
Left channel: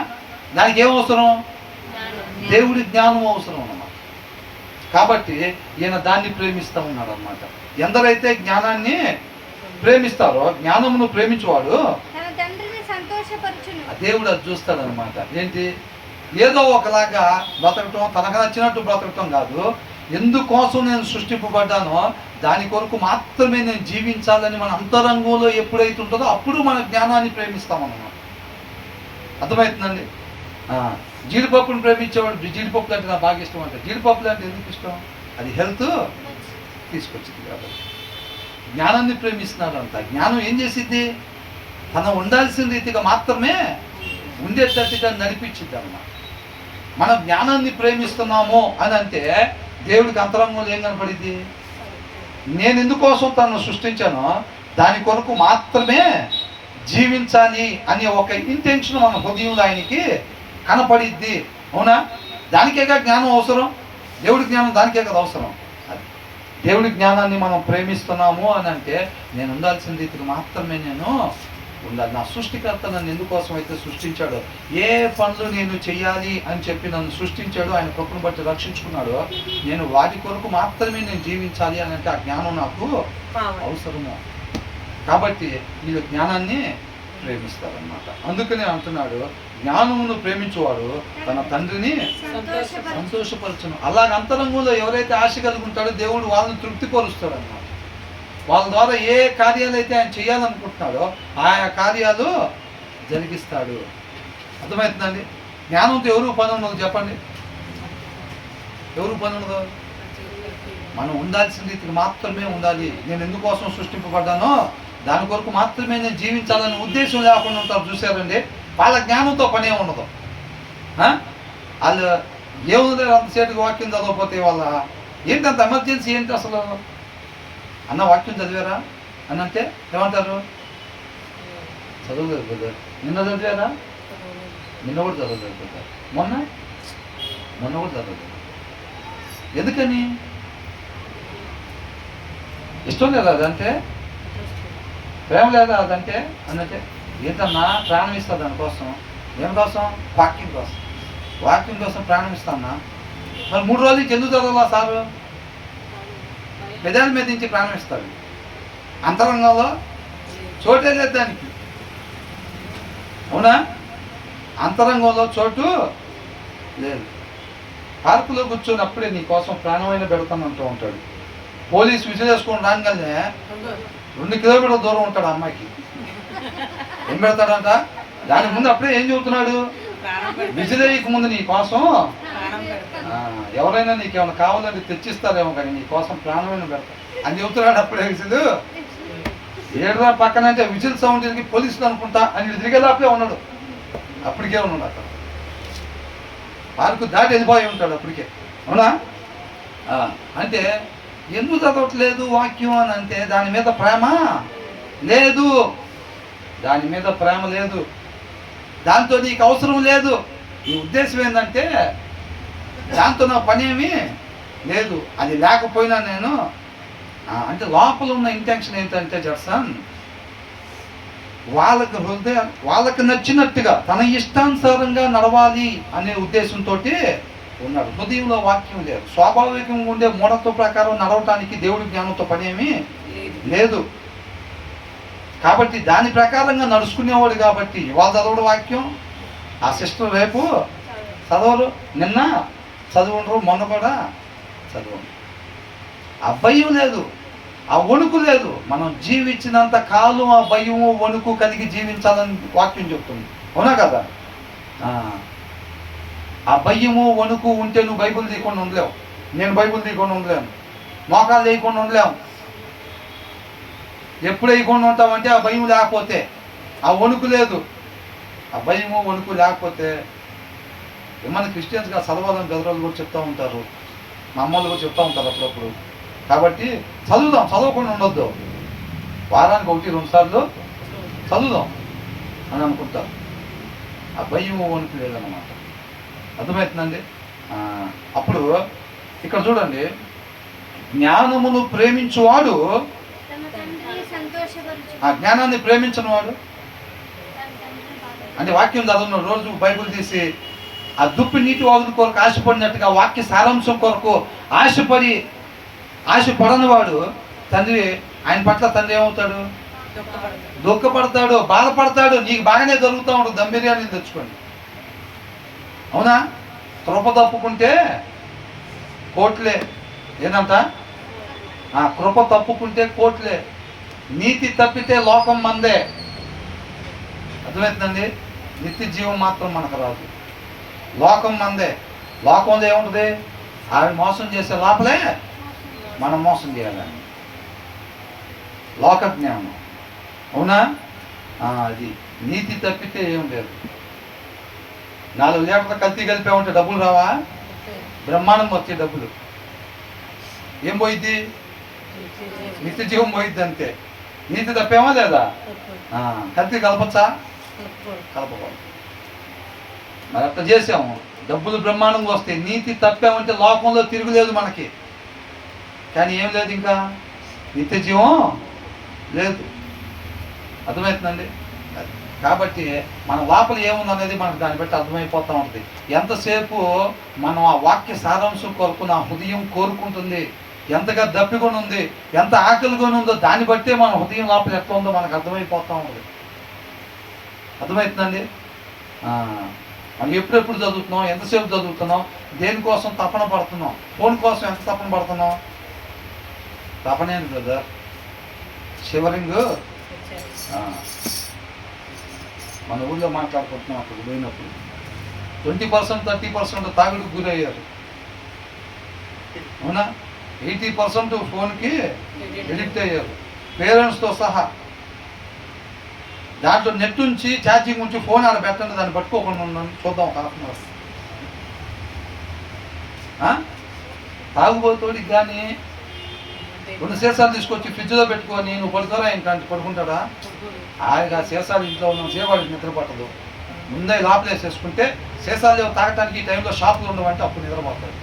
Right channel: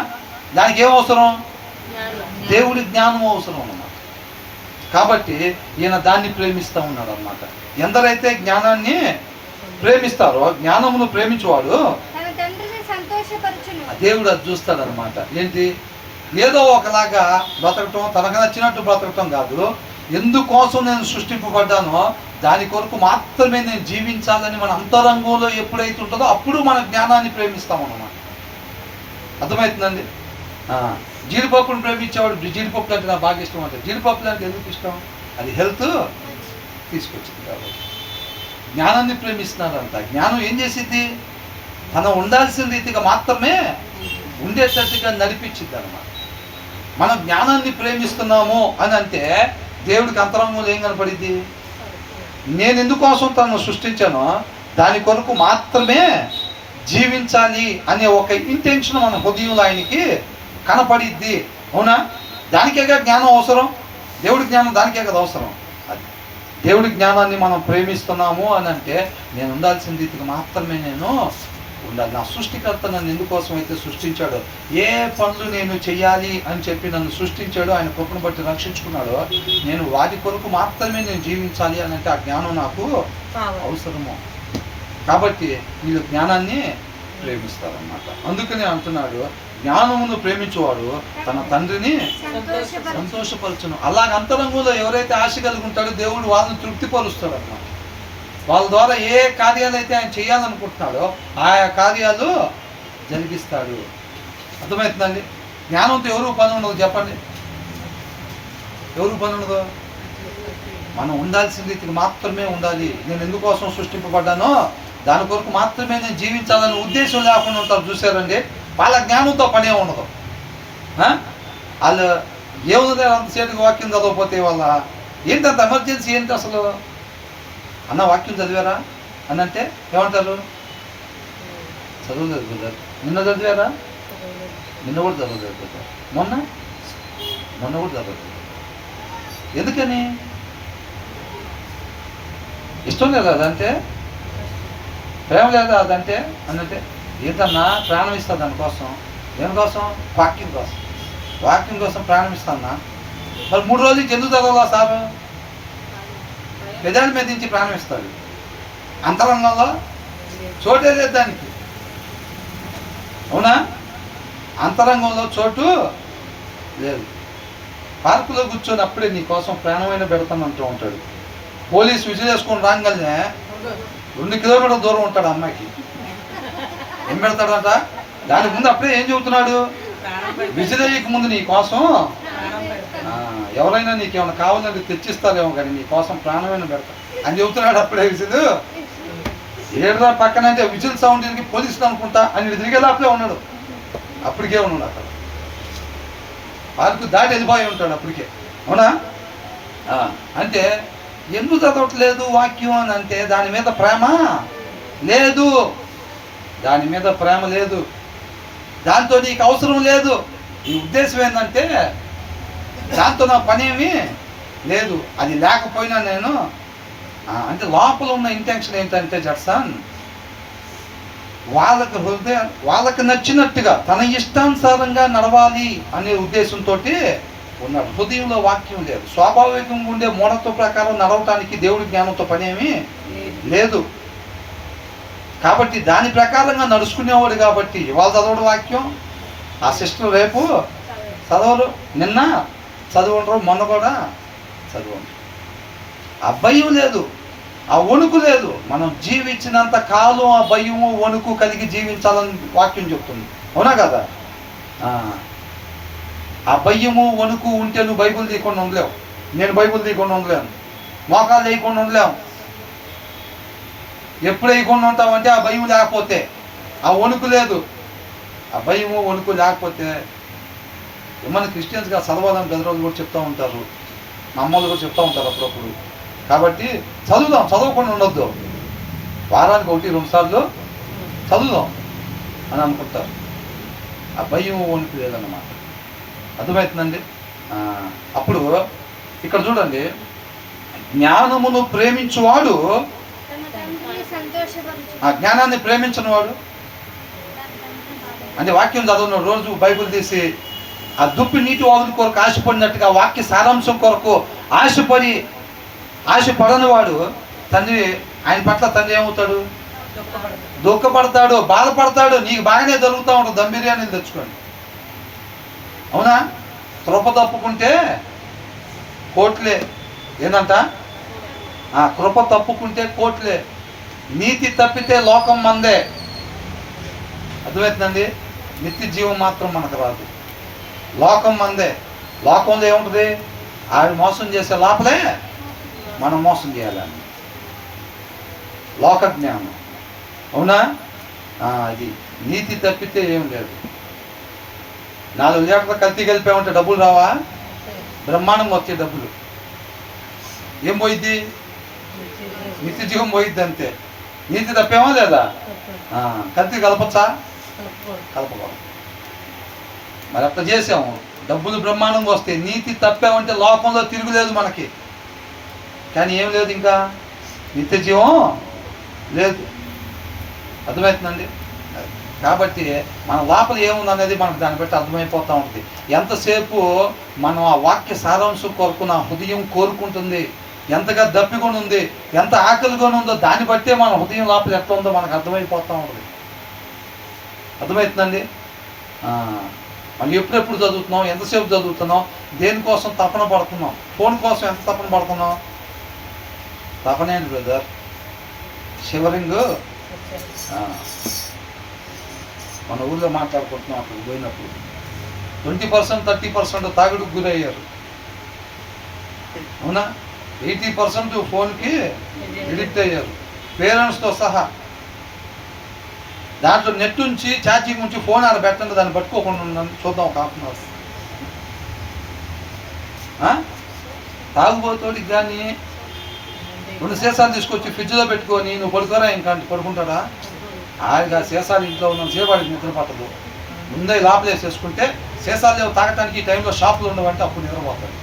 దానికి ఏం అవసరం? దేవుడి జ్ఞానం అవసరం అన్నమాట. కాబట్టి ఈయన దాన్ని ప్రేమిస్తూ ఉన్నాడు అన్నమాట. ఎందరైతే జ్ఞానాన్ని ప్రేమిస్తారో, జ్ఞానమును ప్రేమించేవాడు దేవుడు అది చూస్తాడనమాట. ఏంటి? ఏదో ఒకలాగా బ్రతకటం, తనకు నచ్చినట్టు బ్రతకటం కాదు. ఎందుకోసం నేను సృష్టింపబడ్డానో దాని కొరకు మాత్రమే నేను జీవించాలని మన అంతరంగంలో ఎప్పుడైతే ఉంటుందో అప్పుడు మన జ్ఞానాన్ని ప్రేమిస్తామన్నమాట. అర్థమవుతుందండి? జీడిపప్పును ప్రేమించేవాడు జీడిపప్పులు అంటే నాకు బాగా ఇష్టం అంటే. జీడిపప్పులు అంటే ఎందుకు ఇష్టం? అది హెల్త్ తీసుకొచ్చింది కాబట్టి. జ్ఞానాన్ని ప్రేమిస్తున్నారంట. జ్ఞానం ఏం చేసింది? తను ఉండాల్సిన రీతిగా మాత్రమే ఉండేటట్టుగా నడిపించింది అన్నమాట. మనం జ్ఞానాన్ని ప్రేమిస్తున్నాము అని అంటే దేవుడికి అంతరంగంలో ఏం కనపడింది? నేను ఎందుకోసం తనను సృష్టించానో దాని కొరకు మాత్రమే జీవించాలి అనే ఒక ఇంటెన్షన్ మన హృదయంలో ఆయనకి కనపడిద్ది. అవునా? దానికేగా జ్ఞానం అవసరం. దేవుడి జ్ఞానం దానికే కదా అవసరం. అది దేవుడి జ్ఞానాన్ని మనం ప్రేమిస్తున్నాము అని అంటే నేను ఉండాల్సిన రీతికి మాత్రమే నేను ఉండాలి. నా సృష్టికర్త నన్ను ఎందుకోసం అయితే సృష్టించాడో, ఏ పనులు నేను చెయ్యాలి అని చెప్పి నన్ను సృష్టించాడో, ఆయన కృపను బట్టి రక్షించుకున్నాడో, నేను వాటి కొరకు మాత్రమే నేను జీవించాలి అని అంటే ఆ జ్ఞానం నాకు అవసరము. కాబట్టి వీళ్ళు జ్ఞానాన్ని ప్రేమిస్తారన్నమాట. అందుకనే అంటున్నాడు, జ్ఞానమును ప్రేమించేవాడు తన తండ్రిని సంతోషపరచును. అలాగ అంతరంగంలో ఎవరైతే ఆశ కలిగి ఉంటాడో దేవుడు వాళ్ళని తృప్తిపరుస్తాడు అన్నమాట. వాళ్ళ ద్వారా ఏ కార్యాలు అయితే ఆయన చేయాలనుకుంటున్నాడో ఆయా కార్యాలు జరిగిస్తాడు. అర్థమవుతుందండి? జ్ఞానంతో ఎవరు పని ఉండదు చెప్పండి? ఎవరు పని ఉండదు? మనం ఉండాల్సిన రీతికి మాత్రమే ఉండాలి. నేను ఎందుకోసం సృష్టింపబడ్డానో దాని కొరకు మాత్రమే నేను జీవించాలనే ఉద్దేశం లేకుండా ఉంటారు. చూసారండి? వాళ్ళ జ్ఞానంతో పనే ఉండదు. వాళ్ళు ఏముంది అంతసేటుగా వాక్యం చదవకపోతే వాళ్ళ ఏంటంత ఎమర్జెన్సీ ఏంటి అసలు? అన్న వాక్యం చదివారా అని అంటే ఏమంటారు? చదవలేదు కదా. నిన్న చదివారా? నిన్న కూడా చదవలేదు కదా. మొన్న కూడా చదవలేదు. ఎందుకని? ఇష్టం లేదా అదంటే? ప్రేమ లేదా అదంటే అనంటే? ఏంటన్నా ప్రాణం ఇస్తా దానికోసం. దేనికోసం? వాక్యం కోసం ప్రాణం ఇస్తాన్నా. మరి 3 రోజులు ఎందుకు చదవాలా సారు? పెదాల మీద నుంచి ప్రాణం ఇస్తాడు. అంతరంగంలో చోటే లేదు దానికి. అవునా? అంతరంగంలో చోటు లేదు. పార్కులో కూర్చొని అప్పుడే నీ కోసం ప్రాణమైన పెడతానంటూ ఉంటాడు. పోలీసు విజిలేసుకొని రాగానే 2 కిలోమీటర్ల దూరం ఉంటాడు అమ్మాయికి. ఏం పెడతాడంట? దాని ముందు అప్పుడే ఏం చెబుతున్నాడు? విజిలేయక ముందు నీ కోసం ఎవరైనా నీకేమైనా కావాలంటే తెచ్చిస్తారేమో కానీ నీ కోసం ప్రాణమైన పెడతా అని చెబుతున్నాడు. అప్పుడే విజిల్ ఏడురా పక్కన అంటే విజిల్ సౌండ్ తిరిగి పోలీసులు అనుకుంటా అని తిరిగేలా అప్పుడే ఉన్నాడు. అప్పటికే ఉన్నాడు అక్కడ. పార్కు దాటి వెళ్ళిపోయి ఉంటాడు అప్పటికే. అవునా? అంటే ఎందుకు చదవట్లేదు వాక్యం అని అంటే దాని మీద ప్రేమ లేదు. దాని మీద ప్రేమ లేదు. దాంతో నీకు అవసరం లేదు. నీ ఉద్దేశం ఏంటంటే దాంతో నాకు పనేమీ లేదు. అది లేకపోయినా నేను అంటే లోపల ఉన్న ఇంటెన్షన్ ఏంటంటే జడ్సన్ వాళ్ళకి నచ్చినట్టుగా తన ఇష్టానుసారంగా నడవాలి అనే ఉద్దేశంతో ఉన్నాడు. హృదయంలో వాక్యం లేదు. స్వాభావికంగా ఉండే మూఢత్వ ప్రకారం నడవటానికి దేవుడి జ్ఞానంతో పనేమీ లేదు. కాబట్టి దాని ప్రకారంగా నడుచుకునేవాడు. కాబట్టి ఇవాళ చదవడు వాక్యం, ఆ సిస్టర్ రేపు చదవరు, నిన్న చదువుండరు, మొన్న కూడా చదవండి. ఆ భయం లేదు, ఆ వణుకు లేదు. మనం జీవించినంత కాలం ఆ భయము వణుకు కలిగి జీవించాలని వాక్యం చెప్తుంది. అవునా కదా? ఆ భయము వణుకు ఉంటే నువ్వు బైబిల్ తీయకుండా ఉండలేవు. నేను బైబిల్ తీయకుండా ఉండలేను. మోకాలు వేయకుండా ఉండలేము. ఎప్పుడు వేయకుండా ఉంటామంటే ఆ భయం లేకపోతే, ఆ వణుకు లేదు. ఆ భయము వణుకు లేకపోతే ఏమన్నా క్రిస్టియన్స్గా చదవాలని పెద్దవాళ్ళు కూడా చెప్తూ ఉంటారు, మా అమ్మలు కూడా చెప్తూ ఉంటారు అప్పుడప్పుడు. కాబట్టి చదువుదాం, చదవకుండా ఉండొద్దు. వారానికి 1-2 సార్లు చదువుదాం అని అనుకుంటారు. ఆ భయం వణుకు లేదన్నమాట. అర్థమవుతుందండి. అప్పుడు ఇక్కడ చూడండి, జ్ఞానమును ప్రేమించువాడు, ఆ జ్ఞానాన్ని ప్రేమించిన వాడు అంటే వాక్యం చదవను, రోజు బైబిల్ తీసి ఆ దుప్పి నీటి వాగుల కొరకు ఆశపడినట్టుగా వాక్య సారాంశం కొరకు ఆశపడని వాడు తండ్రి, ఆయన పట్ల తండ్రి ఏమవుతాడు? దుఃఖపడతాడు, బాధపడతాడు. నీకు బాగానే జరుగుతూ ఉంటుంది, దమ్ బిర్యానీ తెచ్చుకోండి. అవునా? కృప తప్పుకుంటే కోట్లే. ఏందంట? కృప తప్పుకుంటే కోట్లే, నీతి తప్పితే లోకం మందే. అర్థమవుతుందండి. నిత్య జీవం మాత్రం మనకు రాదు, లోకం మందే. లోకంలో ఏముంటుంది? ఆవిడ మోసం చేసే లోపలే మనం మోసం చేయాలని లోక జ్ఞానం. అవునా? అది నీతి తప్పితే ఏం లేదు. 4 లీటర్ల కల్తీ కలిపామంటే డబ్బులు రావా? బ్రహ్మాండంగా వచ్చే డబ్బులు. ఏం పోయిద్ది? నిత్య జీవం పోయిద్ది అంతే. నీతి తప్పేమా లేదా? కల్తీ కలపచ్చా? కలపకూడదు. మరి అట్లా చేసాము, డబ్బులు బ్రహ్మాండంగా వస్తాయి. నీతి తప్పామంటే లోకంలో తిరుగులేదు మనకి. కానీ ఏం లేదు, ఇంకా నిత్య జీవం లేదు. అర్థమవుతుందండి. కాబట్టి మన లోపల ఏముందనేది మనకు దాన్ని బట్టి అర్థమైపోతూ ఉంటుంది. ఎంతసేపు మనం ఆ వాక్య సారాంశం కొరకు నా హృదయం కోరుకుంటుంది, ఎంతగా దప్పికొని ఉంది, ఎంత ఆకలికొని ఉందో దాన్ని బట్టే మన హృదయం లోపల ఎట్లా ఉందో మనకు అర్థమైపోతూ ఉంటుంది. అర్థమవుతుందండి. మనం ఎప్పుడెప్పుడు చదువుతున్నాం, ఎంతసేపు చదువుతున్నాం, దేనికోసం తపన పడుతున్నాం, ఫోన్ కోసం ఎంత తపన పడుతున్నాం? తపనేంటి బ్రదర్? షివరింగ్. మన ఊళ్ళో మాట్లాడుకుంటున్నాం, అక్కడ పోయినప్పుడు 20% 30% తాగుడుకు గురయ్యారు. అవునా? 80% ఫోన్కి ఎడిక్ట్ అయ్యారు, పేరెంట్స్తో సహా. దాంట్లో నెట్ ఉంచి ఛార్జింగ్ ఉంచి ఫోన్ ఆడ పెట్టండి, దాన్ని పట్టుకోకుండా ఉన్నాను. చూద్దాం ఒక హాఫ్ అన్ అవర్. తాగుబోతోడికి కానీ 2 సీసాలు తీసుకొచ్చి ఫ్రిడ్జ్లో పెట్టుకొని నువ్వు పడుకోరా ఇంకంటే పడుకుంటాడా? ఆయన సీసాలు ఇంట్లో ఉన్న సేవాడికి నిద్ర పట్టదు. ముందే లోపలేసేసుకుంటే సీసాలు లేవు తాగటానికి, ఈ టైంలో షాపులు ఉండవంటే అప్పుడు నిద్రపోతాడు.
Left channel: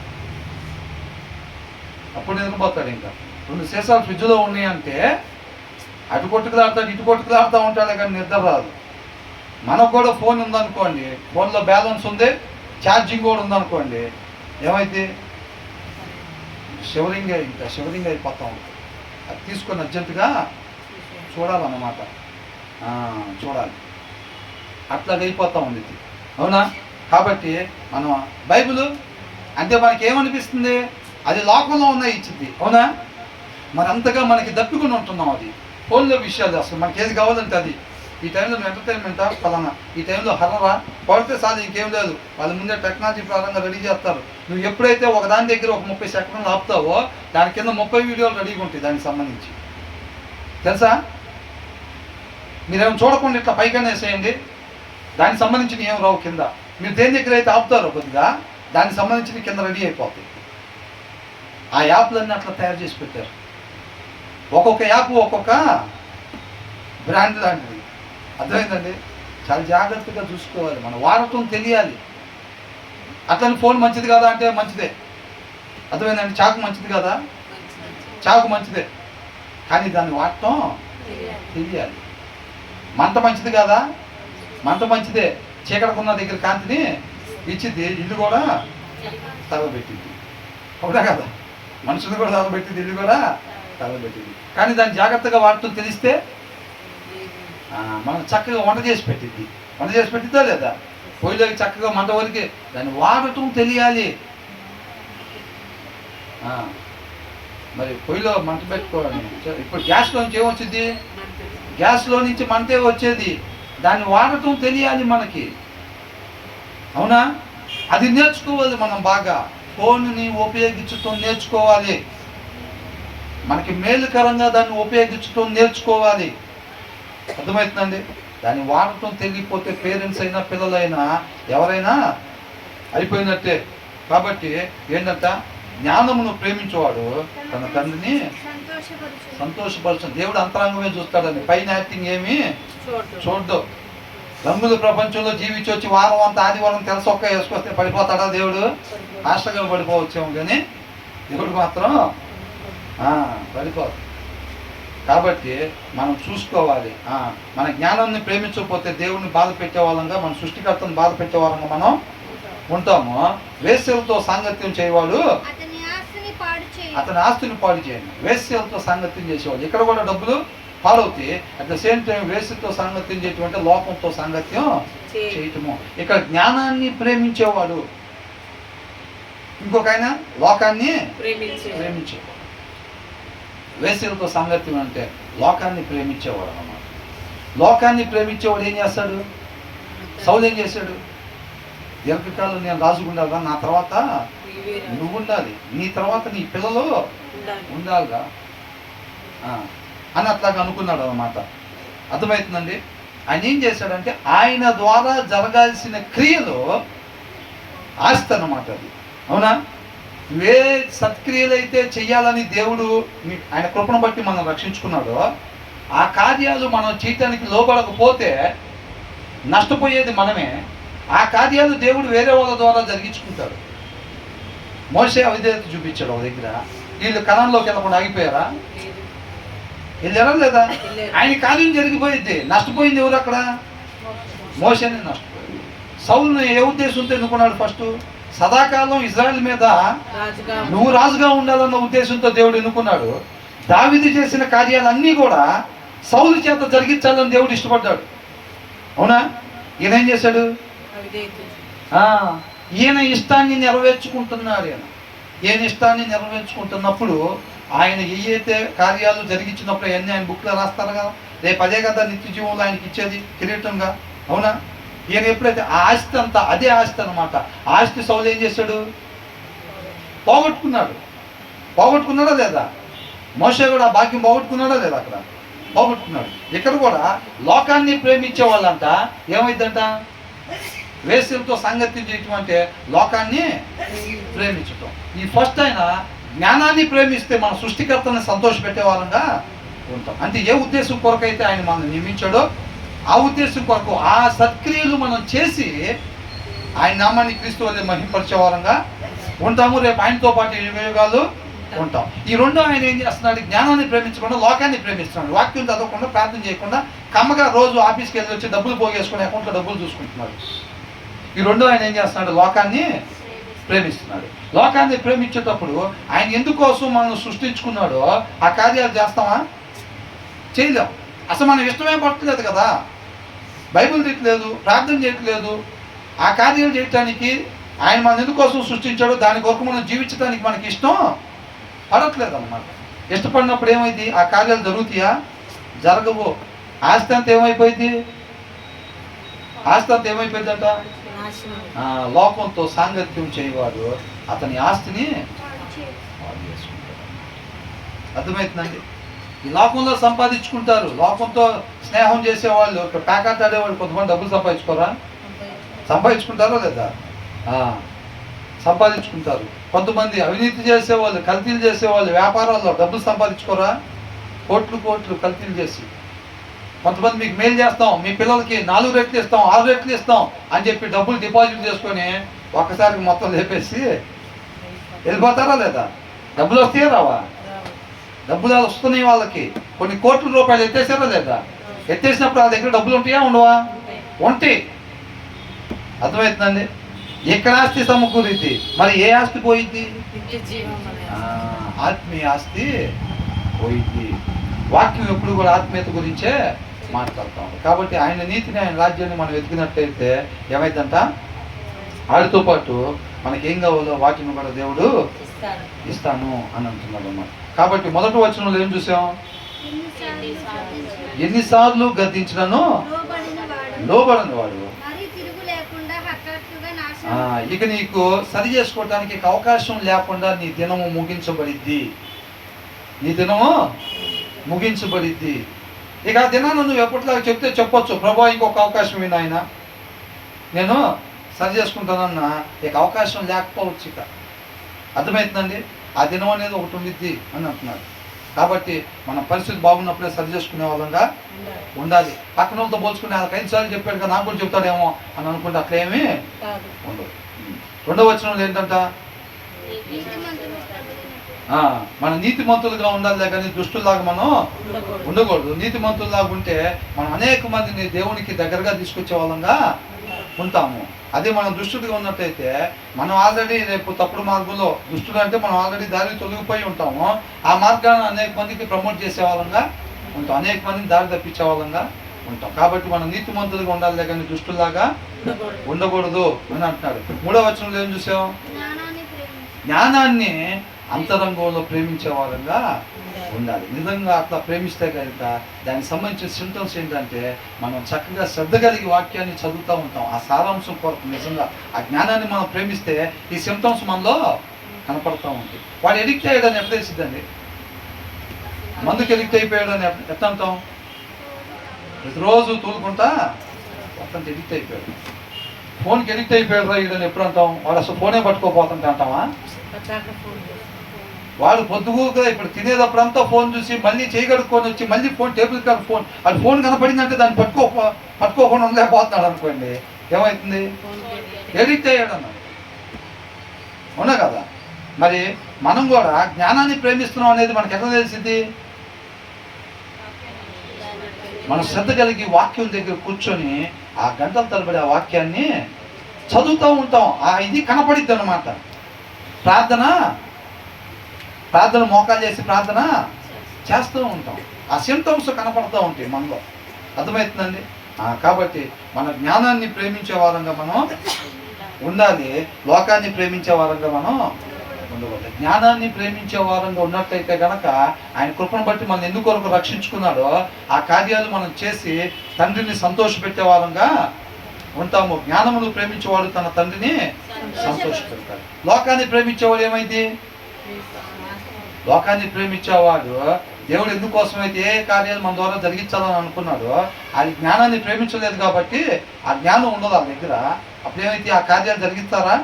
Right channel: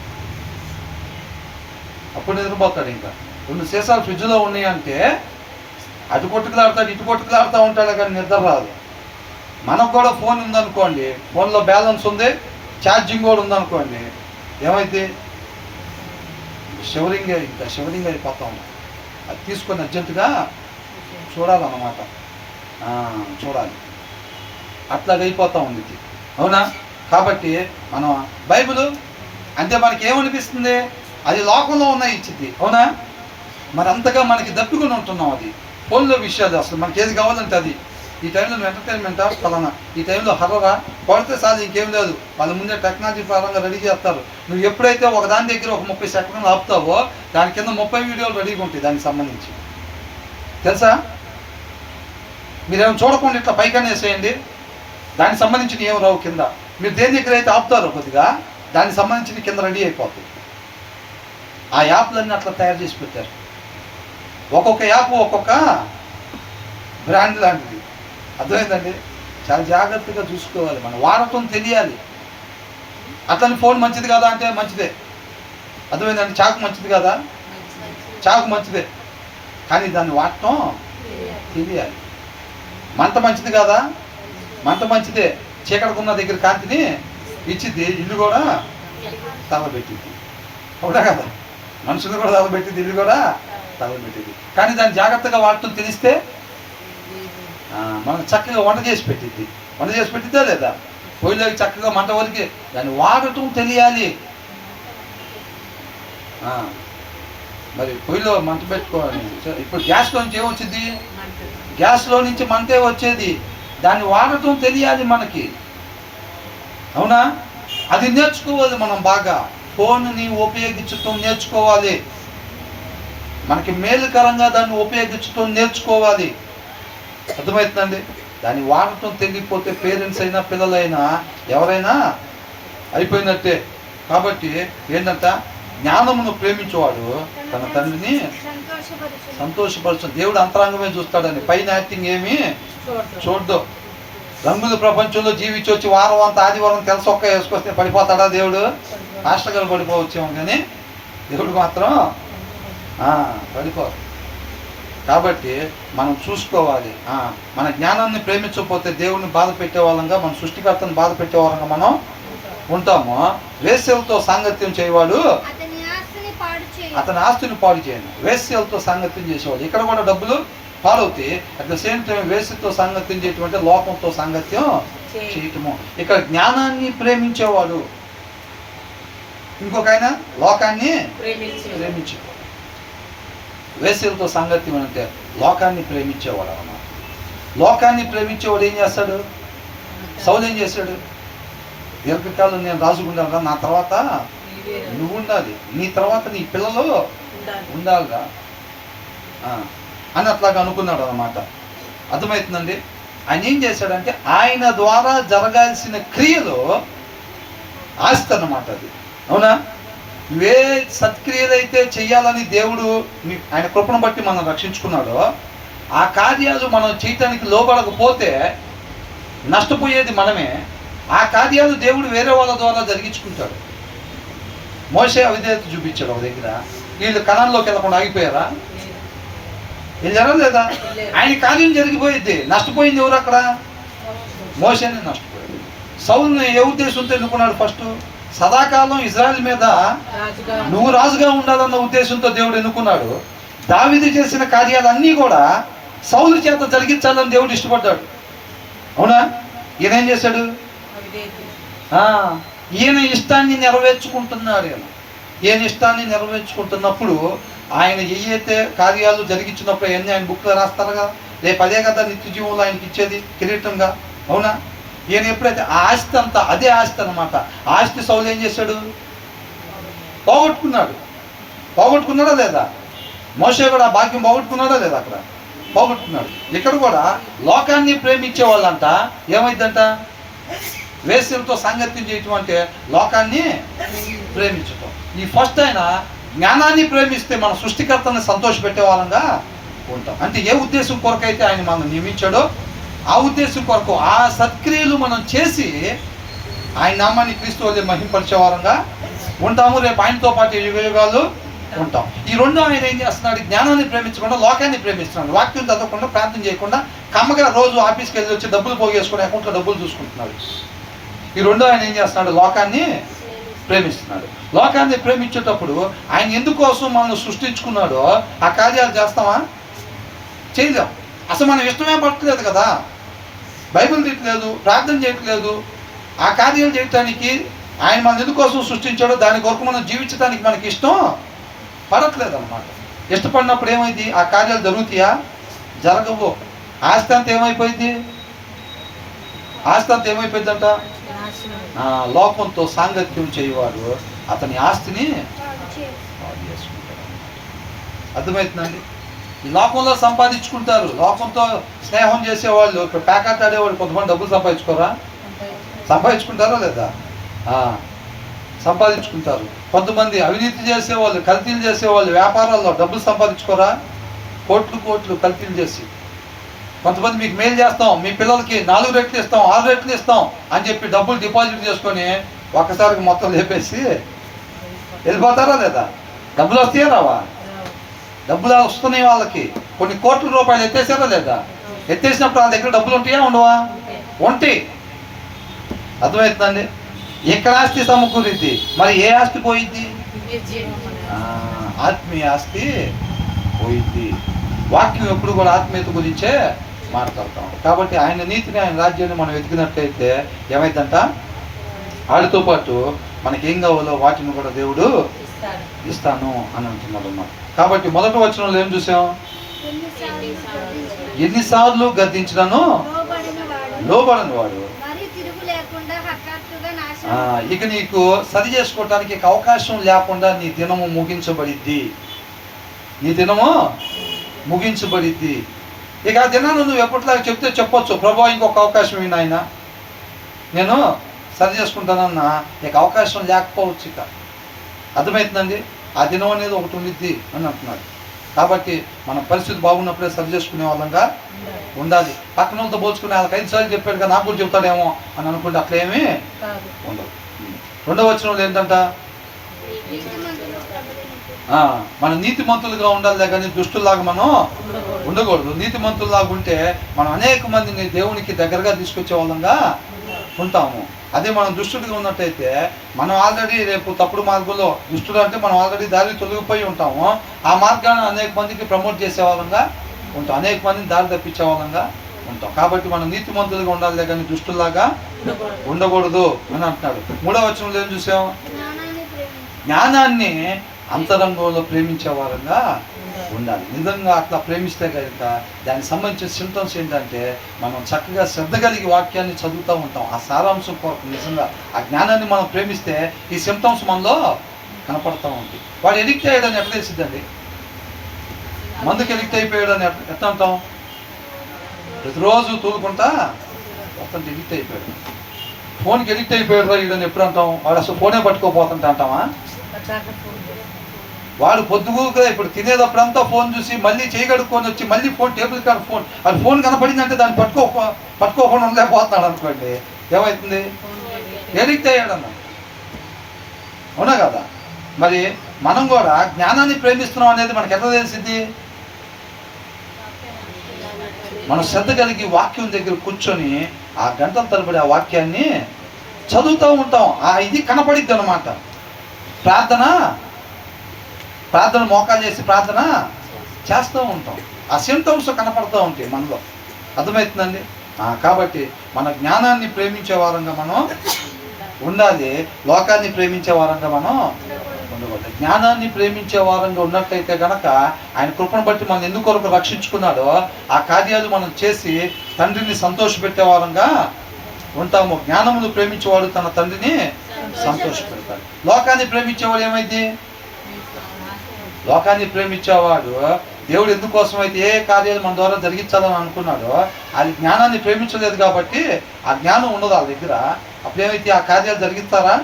ఇంకా 2 సీసాలు ఫ్రిడ్జ్లో ఉన్నాయంటే అటు కొట్టుకులాడతాడు, ఇటు కొట్టుకులాడుతూ ఉంటాడు, కానీ నిద్ర రాదు. మనకు కూడా ఫోన్ ఉందనుకోండి, ఫోన్లో బ్యాలెన్స్ ఉంది, ఛార్జింగ్ కూడా ఉందనుకోండి, ఏమైతే షివరింగ్ అయిపోతాం. అది తీసుకొని అర్జెంటుగా చూడాలన్నమాట. చూడాలి, అట్లాగ అయిపోతూ ఉంది. అవునా? కాబట్టి మనం బైబిల్ అంటే మనకి ఏమనిపిస్తుంది? అది లోకంలో ఉన్న ఇచ్చింది. అవునా? మరి అంతగా మనకి దప్పుకొని ఉంటున్నాం. అది ఫోన్లో విషయాలు అసలు మనకి ఏది కావాలంటే అది. ఈ టైంలో నువ్వు ఎంటర్టైన్మెంటా ఫలానా, ఈ టైంలో హర్రరా కొడితే చాలు, ఇంకేం లేదు. వాళ్ళ ముందే టెక్నాలజీ పరంగా రెడీ చేస్తారు. నువ్వు ఎప్పుడైతే ఒక దాని దగ్గర ఒక 30 సెకండ్లు ఆపుతావో దాని కింద 30 వీడియోలు రెడీగా ఉంటాయి దానికి సంబంధించి. తెలుసా? మీరేమో చూడకుండా ఇట్లా పైకనే వేసేయండి, దానికి సంబంధించిన ఏం రావు కింద. మీరు దేని దగ్గర అయితే ఆపుతారో కొద్దిగా దానికి సంబంధించిన కింద రెడీ అయిపోతాయి. ఆ యాప్లన్నీ అట్లా తయారు చేసి పెట్టారు. ఒక్కొక్క యాప్ ఒక్కొక్క బ్రాండ్ లాంటిది. అర్థమైందండి. చాలా జాగ్రత్తగా చూసుకోవాలి, మనం వాడటం తెలియాలి. అట్లని ఫోన్ మంచిది కదా అంటే మంచిదే. అర్థమైందండి. చాకు మంచిది కదా, చాకు మంచిదే, కానీ దాన్ని వాడటం తెలియాలి. మంట మంచిది కదా, మంట మంచిదే, చీకటికున్న దగ్గర కాంతిని ఇచ్చిద్ది, ఇల్లు కూడా తగలబెట్టింది. అవునా కదా? మనుషులు కూడా తగలబెట్టింది, ఇల్లు కూడా తగలబెట్టింది. కానీ దాన్ని జాగ్రత్తగా వాడటం తెలిస్తే మనం చక్కగా వంట చేసి పెట్టిద్దా లేదా? పొయ్యిలోకి చక్కగా మంట వరకే దాన్ని వాడటం తెలియాలి. మరి పొయ్యిలో మంట పెట్టుకోవాలి. ఇప్పుడు గ్యాస్లో నుంచి ఏమొచ్చింది? గ్యాస్లో నుంచి మంటే వచ్చేది. దాన్ని వాడటం తెలియాలి మనకి. అవునా? అది నేర్చుకోవాలి మనం బాగా. ఫోన్ని ఉపయోగించటం నేర్చుకోవాలి, మనకి మేలుకరంగా దాన్ని ఉపయోగించటం నేర్చుకోవాలి. అర్థమవుతుందండి. దాన్ని వాడటం తెలియకపోతే పేరెంట్స్ అయినా పిల్లలైనా ఎవరైనా అయిపోయినట్టే. కాబట్టి ఏంటంట, జ్ఞానమును ప్రేమించేవాడు తన తండ్రిని సంతోషపరచు. దేవుడు అంతరంగమే చూస్తాడని, పైన యాక్టింగ్ ఏమి చూడ్డు. రంగుల ప్రపంచంలో జీవించి వచ్చి వారం అంతా ఆదివారం తెలసొక్క వేసుకొస్తే పడిపోతాడా దేవుడు? మాస్టర్ గారు పడిపోవచ్చేమో, కానీ దేవుడు మాత్రం పడిపోదు. కాబట్టి మనం చూసుకోవాలి. మన జ్ఞానాన్ని ప్రేమించకపోతే దేవుడిని బాధ పెట్టేవాళ్ళంగా, మన సృష్టికర్తను బాధ పెట్టేవాళ్ళంగా మనం ఉంటాము. వేశ్యలతో సాంగత్యం చేయవాడు అతని ఆస్తిని పాడు చేయను. వేశ్యలతో సాంగత్యం చేసేవాడు. ఇక్కడ కూడా డబ్బులు పాడవుతాయి. అట్ ద సేమ్ టైం వేశ్యతో సాంగత్యం చేయటం అంటే లోకంతో సాంగత్యం చేయటము. ఇక్కడ జ్ఞానాన్ని ప్రేమించేవాడు, ఇంకొక ఆయన లోకాన్ని ప్రేమించేవాడు. వేశ్యలతో సాంగత్యం అంటే లోకాన్ని ప్రేమించేవాడు అన్నమాట. లోకాన్ని ప్రేమించేవాడు ఏం చేస్తాడు? సౌలు ఏం చేశాడు? దీర్ఘకాలం నేను రాజుకుండాలిరా, నా తర్వాత నువ్వు ఉండాలి, నీ తర్వాత నీ పిల్లలు ఉండాలిరా అని అట్లాగా అనుకున్నాడు అన్నమాట. అర్థమవుతుందండి? ఆయన ఏం చేశాడంటే ఆయన ద్వారా జరగాల్సిన క్రియలు ఆస్తి అన్నమాట అది. అవునా? ఏ సత్క్రియలు అయితే చెయ్యాలని దేవుడు ఆయన కృపను బట్టి మనం రక్షించుకున్నాడో ఆ కార్యాలు మనం చేయటానికి లోబడకపోతే నష్టపోయేది మనమే. ఆ కార్యాలు దేవుడు వేరే వాళ్ళ ద్వారా జరిగించుకుంటాడు. మోషే అవిధేయత చూపించాడు ఒక దగ్గర. వీళ్ళు కణంలోకి వెళ్ళకుండా ఆగిపోయారా? వెళ్ళారా లేదా? ఆయన కార్యం జరిగిపోయింది. నష్టపోయింది ఎవరు అక్కడ? మోషేనే నష్టపోయింది. సౌలుని ఏ ఉద్దేశంతో ఎన్నుకున్నాడు? ఫస్ట్ సదాకాలం ఇజ్రాయెల్ మీద నువ్వు రాజుగా ఉండాలన్న ఉద్దేశంతో దేవుడు ఎన్నుకున్నాడు. దావీదు చేసిన కార్యాలన్నీ కూడా సౌలు చేత జరిగించాలని దేవుడు ఇష్టపడ్డాడు. అవునా? ఈయన ఏం చేశాడు? ఈయన ఇష్టాన్ని నెరవేర్చుకుంటున్నాడు. ఈయన ఇష్టాన్ని నెరవేర్చుకుంటున్నప్పుడు ఆయన ఏవైతే కార్యాలు జరిగించినప్పుడు అవన్నీ ఆయన బుక్లో రాస్తారు కదా. రేపు అదే కదా నిత్య జీవంలో ఆయనకి ఇచ్చేది కిరీటంగా. అవునా? ఈయన ఎప్పుడైతే ఆ ఆస్తి అంతా అదే ఆస్తి అనమాట. ఆస్తి సౌలు ఏం చేశాడు? పోగొట్టుకున్నాడా లేదా? మోషే కూడా ఆ భాగ్యం పోగొట్టుకున్నాడా లేదా? అక్కడ పోగొట్టుకున్నాడు. ఇక్కడ కూడా లోకాన్ని ప్రేమించే వాళ్ళంట ఏమైందంట? వేశ్యలతో సాంగత్యం చేయటం అంటే లోకాన్ని ప్రేమించటం. ఈ ఫస్ట్ ఆయన జ్ఞానాన్ని ప్రేమిస్తే మన సృష్టికర్తని సంతోషపెట్టే వాళ్ళంగా ఉంటాం. అంటే ఏ ఉద్దేశం కొరకైతే ఆయన మనం నియమించాడో ఆ ఉద్దేశం కొరకు ఆ సత్క్రియలు మనం చేసి ఆయన నామాన్ని క్రీస్తు వలె మహింపరిచే వారంగా ఉంటాము. రేపు ఆయనతో పాటు యుగాలు ఉంటాం. ఈ రెండు ఆయన ఏం చేస్తున్నాడు? జ్ఞానాన్ని ప్రేమించకుండా లోకాన్ని ప్రేమిస్తున్నాడు. వాక్యం చదవకుండా, ప్రార్థన చేయకుండా, కమ్మగా రోజు ఆఫీస్కి వెళ్ళి వచ్చి డబ్బులు పోగేసుకుని అకౌంట్లో డబ్బులు చూసుకుంటున్నాడు. ఈ రెండు ఆయన ఏం చేస్తున్నాడు? లోకాన్ని ప్రేమిస్తున్నాడు. లోకాన్ని ప్రేమించేటప్పుడు ఆయన ఎందుకోసం మనం సృష్టించుకున్నాడో ఆ కార్యాలు చేస్తామా? చేయలేం. అసలు మనం ఇష్టమే పట్టలేదు కదా. బైబిల్ తీయట్లేదు, ప్రార్థన చేయట్లేదు. ఆ కార్యాలు చేయటానికి ఆయన మన ఎందుకోసం సృష్టించాడో దాని కొరకు మనం జీవించడానికి మనకి ఇష్టం పడట్లేదు అన్నమాట. ఇష్టపడినప్పుడు ఏమైంది? ఆ కార్యాలు జరుగుతాయా? జరగవు. ఆస్తి అంతా ఏమైపోయింది? ఆస్తి అంతా ఏమైపోయిందంట? లోకంతో సాంగత్యం చేయవాడు అతని ఆస్తిని పాడు చేసుకుంటాడు. అర్థమవుతుందండి? ఈ లోకంలో సంపాదించుకుంటారు. లోకంతో స్నేహం చేసేవాళ్ళు, ఇప్పుడు ప్యాకెట్ ఆడేవాళ్ళు కొంతమంది డబ్బులు సంపాదించుకుంటారా లేదా? సంపాదించుకుంటారు. కొంతమంది అవినీతి చేసేవాళ్ళు, కల్తీలు చేసేవాళ్ళు వ్యాపారాల్లో డబ్బులు సంపాదించుకోరా? కోట్లు కల్తీలు చేసి. కొంతమంది మీకు మెయిల్ చేస్తాం, మీ పిల్లలకి 4 రెట్లు ఇస్తాం, 6 రెట్లు ఇస్తాం అని చెప్పి డబ్బులు డిపాజిట్ చేసుకొని ఒక్కసారికి మొత్తం లేపేసి వెళ్ళిపోతారా లేదా? డబ్బులు వస్తాయా రావా? డబ్బులు వస్తున్నాయి వాళ్ళకి. కొన్ని కోట్ల రూపాయలు ఎత్తేసారా లేదా? ఎత్తేసినప్పుడు వాళ్ళ దగ్గర డబ్బులు ఉంటాయా? ఉండవా? ఉంటాయి. అర్థమవుతుందండి? ఎక్కడ ఆస్తి సమకూరిద్ది, మరి ఏ ఆస్తి పోయిద్ది? ఆత్మీయ ఆస్తి పోయిద్ది. వాక్యం ఎప్పుడు కూడా ఆత్మీయత గురించే మాట్లాడతాం. కాబట్టి ఆయన నీతిని, ఆయన రాజ్యాన్ని మనం వెతికినట్లయితే ఏమైందంట? వాటితో పాటు మనకి ఏం కావాలో వాటిని కూడా దేవుడు ఇస్తాను అని అంటున్నాడు అన్నమాట. కాబట్టి మొదటి వచనంలో ఏం చూసాం? ఎన్నిసార్లు గద్దించినను లోబడని వాడు. ఇక నీకు సరి చేసుకోవటానికి అవకాశం లేకుండా నీ దినము ముగించబడిద్ది. ఇక ఆ దినాన్ని నువ్వు ఎప్పటిలాగా చెప్తే చెప్పొచ్చు, ప్రభు ఇంకొక అవకాశం ఇవ్వండి ఆయన, నేను సరి చేసుకుంటానన్నా, ఇక అవకాశం లేకపోవచ్చు. ఇక అర్థమవుతుందండి, ఆ దినం అనేది ఒకటి ఉండిద్ది అని అంటున్నాడు. కాబట్టి మన పరిస్థితి బాగున్నప్పుడే సరి చేసుకునే వాళ్ళంగా ఉండాలి. పక్కన వాళ్ళతో పోల్చుకునే వాళ్ళకి 5 సార్లు చెప్పాడు కదా, నాకు కూడా చెప్తాడేమో అని అనుకుంటే అట్లేమీ ఉండదు. 2వ వచనంలో ఏంటంట, మన నీతిమంతులుగా ఉండాలి కానీ దుష్టుల్లాగా మనం ఉండకూడదు. నీతిమంతుల్లాగా ఉంటే మనం అనేక మందిని దేవునికి దగ్గరగా తీసుకొచ్చే వాళ్ళంగా ఉంటాము. అదే మనం దుష్టుడిగా ఉన్నట్టయితే మనం ఆల్రెడీ రేపు తప్పుడు మార్గంలో, దుష్టుడు అంటే మనం ఆల్రెడీ దారి తొలగిపోయి ఉంటాము, ఆ మార్గాన్ని అనేక మందికి ప్రమోట్ చేసే వాళ్ళంగా ఉంటాం, అనేక మందిని దారి తప్పించే వాళ్ళంగా ఉంటాం. కాబట్టి మనం నీతిమంతులుగా ఉండాలి కానీ దుష్టుల్లాగా ఉండకూడదు అని అంటున్నాడు. 3వ వచనంలో ఏం చూసాం, జ్ఞానాన్ని అంతరంగంలో ప్రేమించే వారంగా ఉండాలి. నిజంగా అట్లా ప్రేమిస్తే కనుక దానికి సంబంధించిన సింటమ్స్ ఏంటంటే, మనం చక్కగా శ్రద్ధ కలిగి వాక్యాన్ని చదువుతూ ఉంటాం. ఆ సారాంశం కొరకు నిజంగా ఆ జ్ఞానాన్ని మనం ప్రేమిస్తే ఈ సింటమ్స్ మనలో కనపడుతూ ఉంటాయి. వాడు ఎడిక్ట్ అయ్యాడని ఎట్లా తెలిసిద్దండి? మందుకు ఎడిక్ట్ అయిపోయాడని ఎట్లా అంటాం? ప్రతిరోజు తూలుకుంటా మొత్తం ఎడిక్ట్ అయిపోయాడు. ఫోన్కి ఎడిక్ట్ అయిపోయాడు రా వీడని ఎప్పుడు అంటాం? వాడు అసలు ఫోనే పట్టుకోపోతుంటే అంటామా? వాడు పొద్దుగూరుగా ఇప్పుడు తినేటప్పుడంతా ఫోన్ చూసి మళ్ళీ చేయగడుక్కొని వచ్చి మళ్ళీ ఫోన్ టేబుల్ కాడ ఫోన్, అది ఫోన్ కనపడిందంటే దాన్ని పట్టుకోకుండా ఉండలేకపోతున్నాడు అనుకోండి, ఏమవుతుంది? ఎడిక్ట్ అయ్యాడు అన్న. అవునా కదా? మరి మనం కూడా జ్ఞానాన్ని ప్రేమిస్తున్నాం అనేది మనకు ఎట్లా తెలిసింది? మనం శ్రద్ధ కలిగి వాక్యం దగ్గర కూర్చొని ఆ గంటల తరబడి ఆ వాక్యాన్ని చదువుతూ ఉంటాం. ఆ ఇది కనపడిద్ది అన్నమాట. ప్రార్థన మోకాలు చేసి ప్రార్థన చేస్తూ ఉంటాం. ఆ సింటమ్స్ కనపడుతూ ఉంటాయి మనలో. అర్థమవుతుందండి? కాబట్టి మన జ్ఞానాన్ని ప్రేమించే వారంగా మనం ఉండాలి, లోకాన్ని ప్రేమించే వారంగా మనం ఉండకూడదు. జ్ఞానాన్ని ప్రేమించే వారంగా ఉన్నట్టయితే కనుక ఆయన కృపను బట్టి మనం ఎందుకొరకు రక్షించుకున్నాడో ఆ కార్యాలు మనం చేసి తండ్రిని సంతోషపెట్టే వారంగా ఉంటాము. జ్ఞానమును ప్రేమించేవాడు తన తండ్రిని సంతోషపెడతాడు. లోకాన్ని ప్రేమించేవాడు ఏమైంది? లోకాన్ని ప్రేమించేవాడు దేవుడు ఎందుకోసం అయితే ఏ కార్యాలు మన ద్వారా జరిగించాలని అనుకున్నాడో అది జ్ఞానాన్ని ప్రేమించలేదు కాబట్టి ఆ జ్ఞానం ఉండదు వాళ్ళ దగ్గర. అప్పుడేమైతే ఆ కార్యాలు జరిగిస్తారా?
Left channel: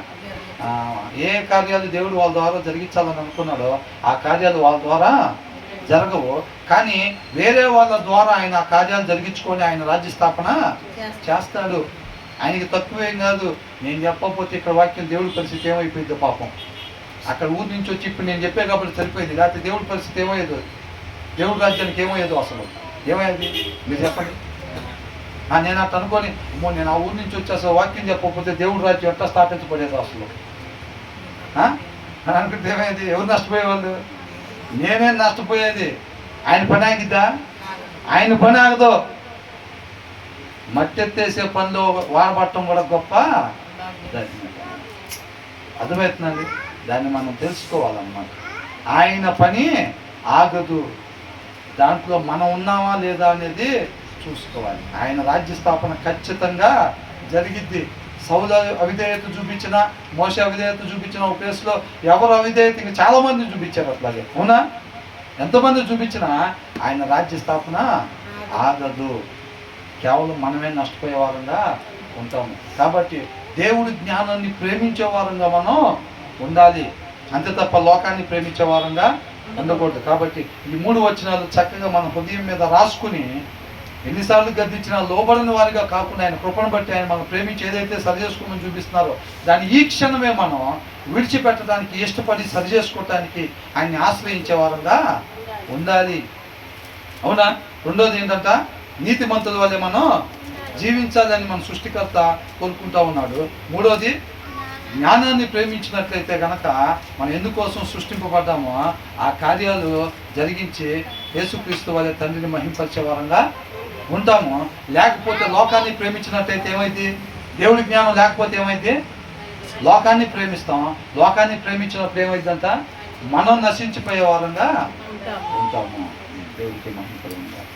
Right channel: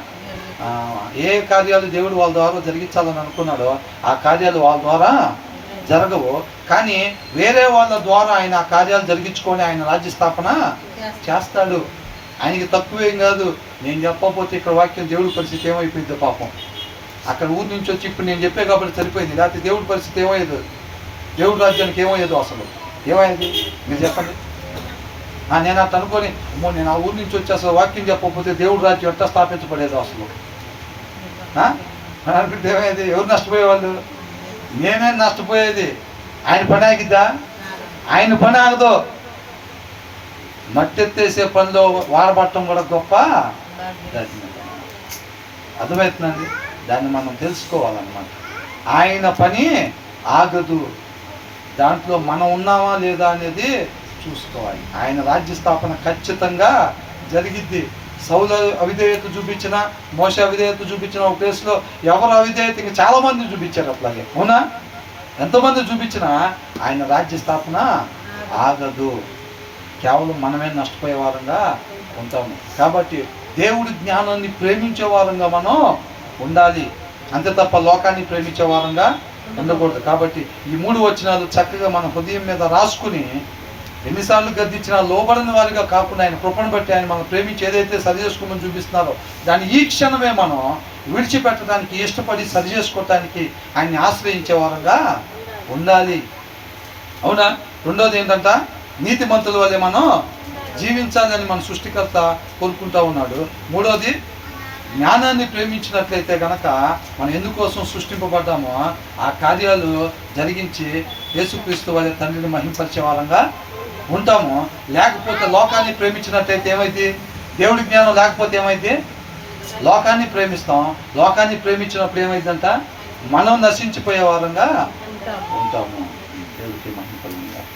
ఏ కార్యాలు దేవుడు వాళ్ళ ద్వారా జరిగించాలని అనుకున్నాడో ఆ కార్యాలు వాళ్ళ ద్వారా జరగవు. కానీ వేరే వాళ్ళ ద్వారా ఆయన ఆ కార్యాలు జరిగించుకొని ఆయన రాజ్య స్థాపన చేస్తాడు. ఆయనకి తక్కువేం కాదు. నేను చెప్పకపోతే ఇక్కడ వాక్యం దేవుడి పరిస్థితి ఏమైపోయిందో పాపం. అక్కడ ఊరి నుంచి వచ్చి ఇప్పుడు నేను చెప్పే కాబట్టి సరిపోయింది, లేకపోతే దేవుడి పరిస్థితి ఏమయ్యేదో, దేవుడి రాజ్యానికి ఏమయ్యేదో అసలు ఏమయ్యేది మీరు చెప్పండి. నేను అట్లా అనుకొని నేను ఆ ఊరి నుంచి వచ్చి అసలు వాక్యం చెప్పకపోతే దేవుడి రాజ్యం ఎట్లా స్థాపించబడేదో అసలు అనుకుంటే ఏమయ్యేది? ఎవరు నష్టపోయేవాళ్ళు? నేనే నష్టపోయేది. ఆయన పని ఆగిద్దా? ఆయన పని ఆగదు. మట్టెత్తేసే పనిలో వాడబట్టడం కూడా గొప్ప. అర్థమవుతుందండి? దాన్ని మనం తెలుసుకోవాలన్నమాట. ఆయన పని ఆగదు, దాంట్లో మనం ఉన్నామా లేదా అనేది చూసుకోవాలి. ఆయన రాజ్య స్థాపన ఖచ్చితంగా జరిగిద్ది. సౌలు అవిధేయత చూపించిన, మోషే అవిధేయత చూపించిన ఒక ప్లేస్లో ఎవరు అవిధేయత ఇంకా చాలా మంది చూపించారు. అట్లాగే అవునా? ఎంతమంది చూపించినా ఆయన రాజ్య స్థాపన ఆగదు. కేవలం మనమే నష్టపోయే వారంగా ఉంటాము. కాబట్టి దేవుడి జ్ఞానాన్ని ప్రేమించే వారంగా మనం ఉండాలి, అంతే తప్ప లోకాన్ని ప్రేమించే వారంగా ఉండకూడదు. కాబట్టి ఈ 3 వచనాలు చక్కగా మన హృదయం మీద రాసుకుని ఎన్నిసార్లు గద్దించినా లోబడిన వారిగా కాకుండా ఆయన కృపను బట్టి ఆయన మనం ప్రేమించి ఏదైతే సరి చేసుకోమని చూపిస్తున్నారో దాన్ని ఈ క్షణమే మనం విడిచిపెట్టడానికి ఇష్టపడి సరి చేసుకోవటానికి ఆయన్ని ఆశ్రయించే వారంగా ఉండాలి. అవునా? రెండోది ఏంటంట, నీతిమంతుల వల్లే మనం జీవించాలని మన సృష్టికర్త కోరుకుంటా ఉన్నాడు. మూడోది, జ్ఞానాన్ని ప్రేమించినట్లయితే కనుక మనం ఎందుకోసం సృష్టింపబడ్డామో ఆ కార్యాలు జరిగించి యేసుక్రీస్తు వల్లే తండ్రిని మహింపరిచే వారంగా ఉంటాము. లేకపోతే లోకాన్ని ప్రేమించినట్లయితే ఏమైంది? దేవుడి జ్ఞానం లేకపోతే ఏమైంది? లోకాన్ని ప్రేమిస్తాం. లోకాన్ని ప్రేమించినప్పుడు ఏమైందంట? మనం నశించిపోయే వారంగా ఉంటాము. దేవుడికి మహిమ కలుగును గాక.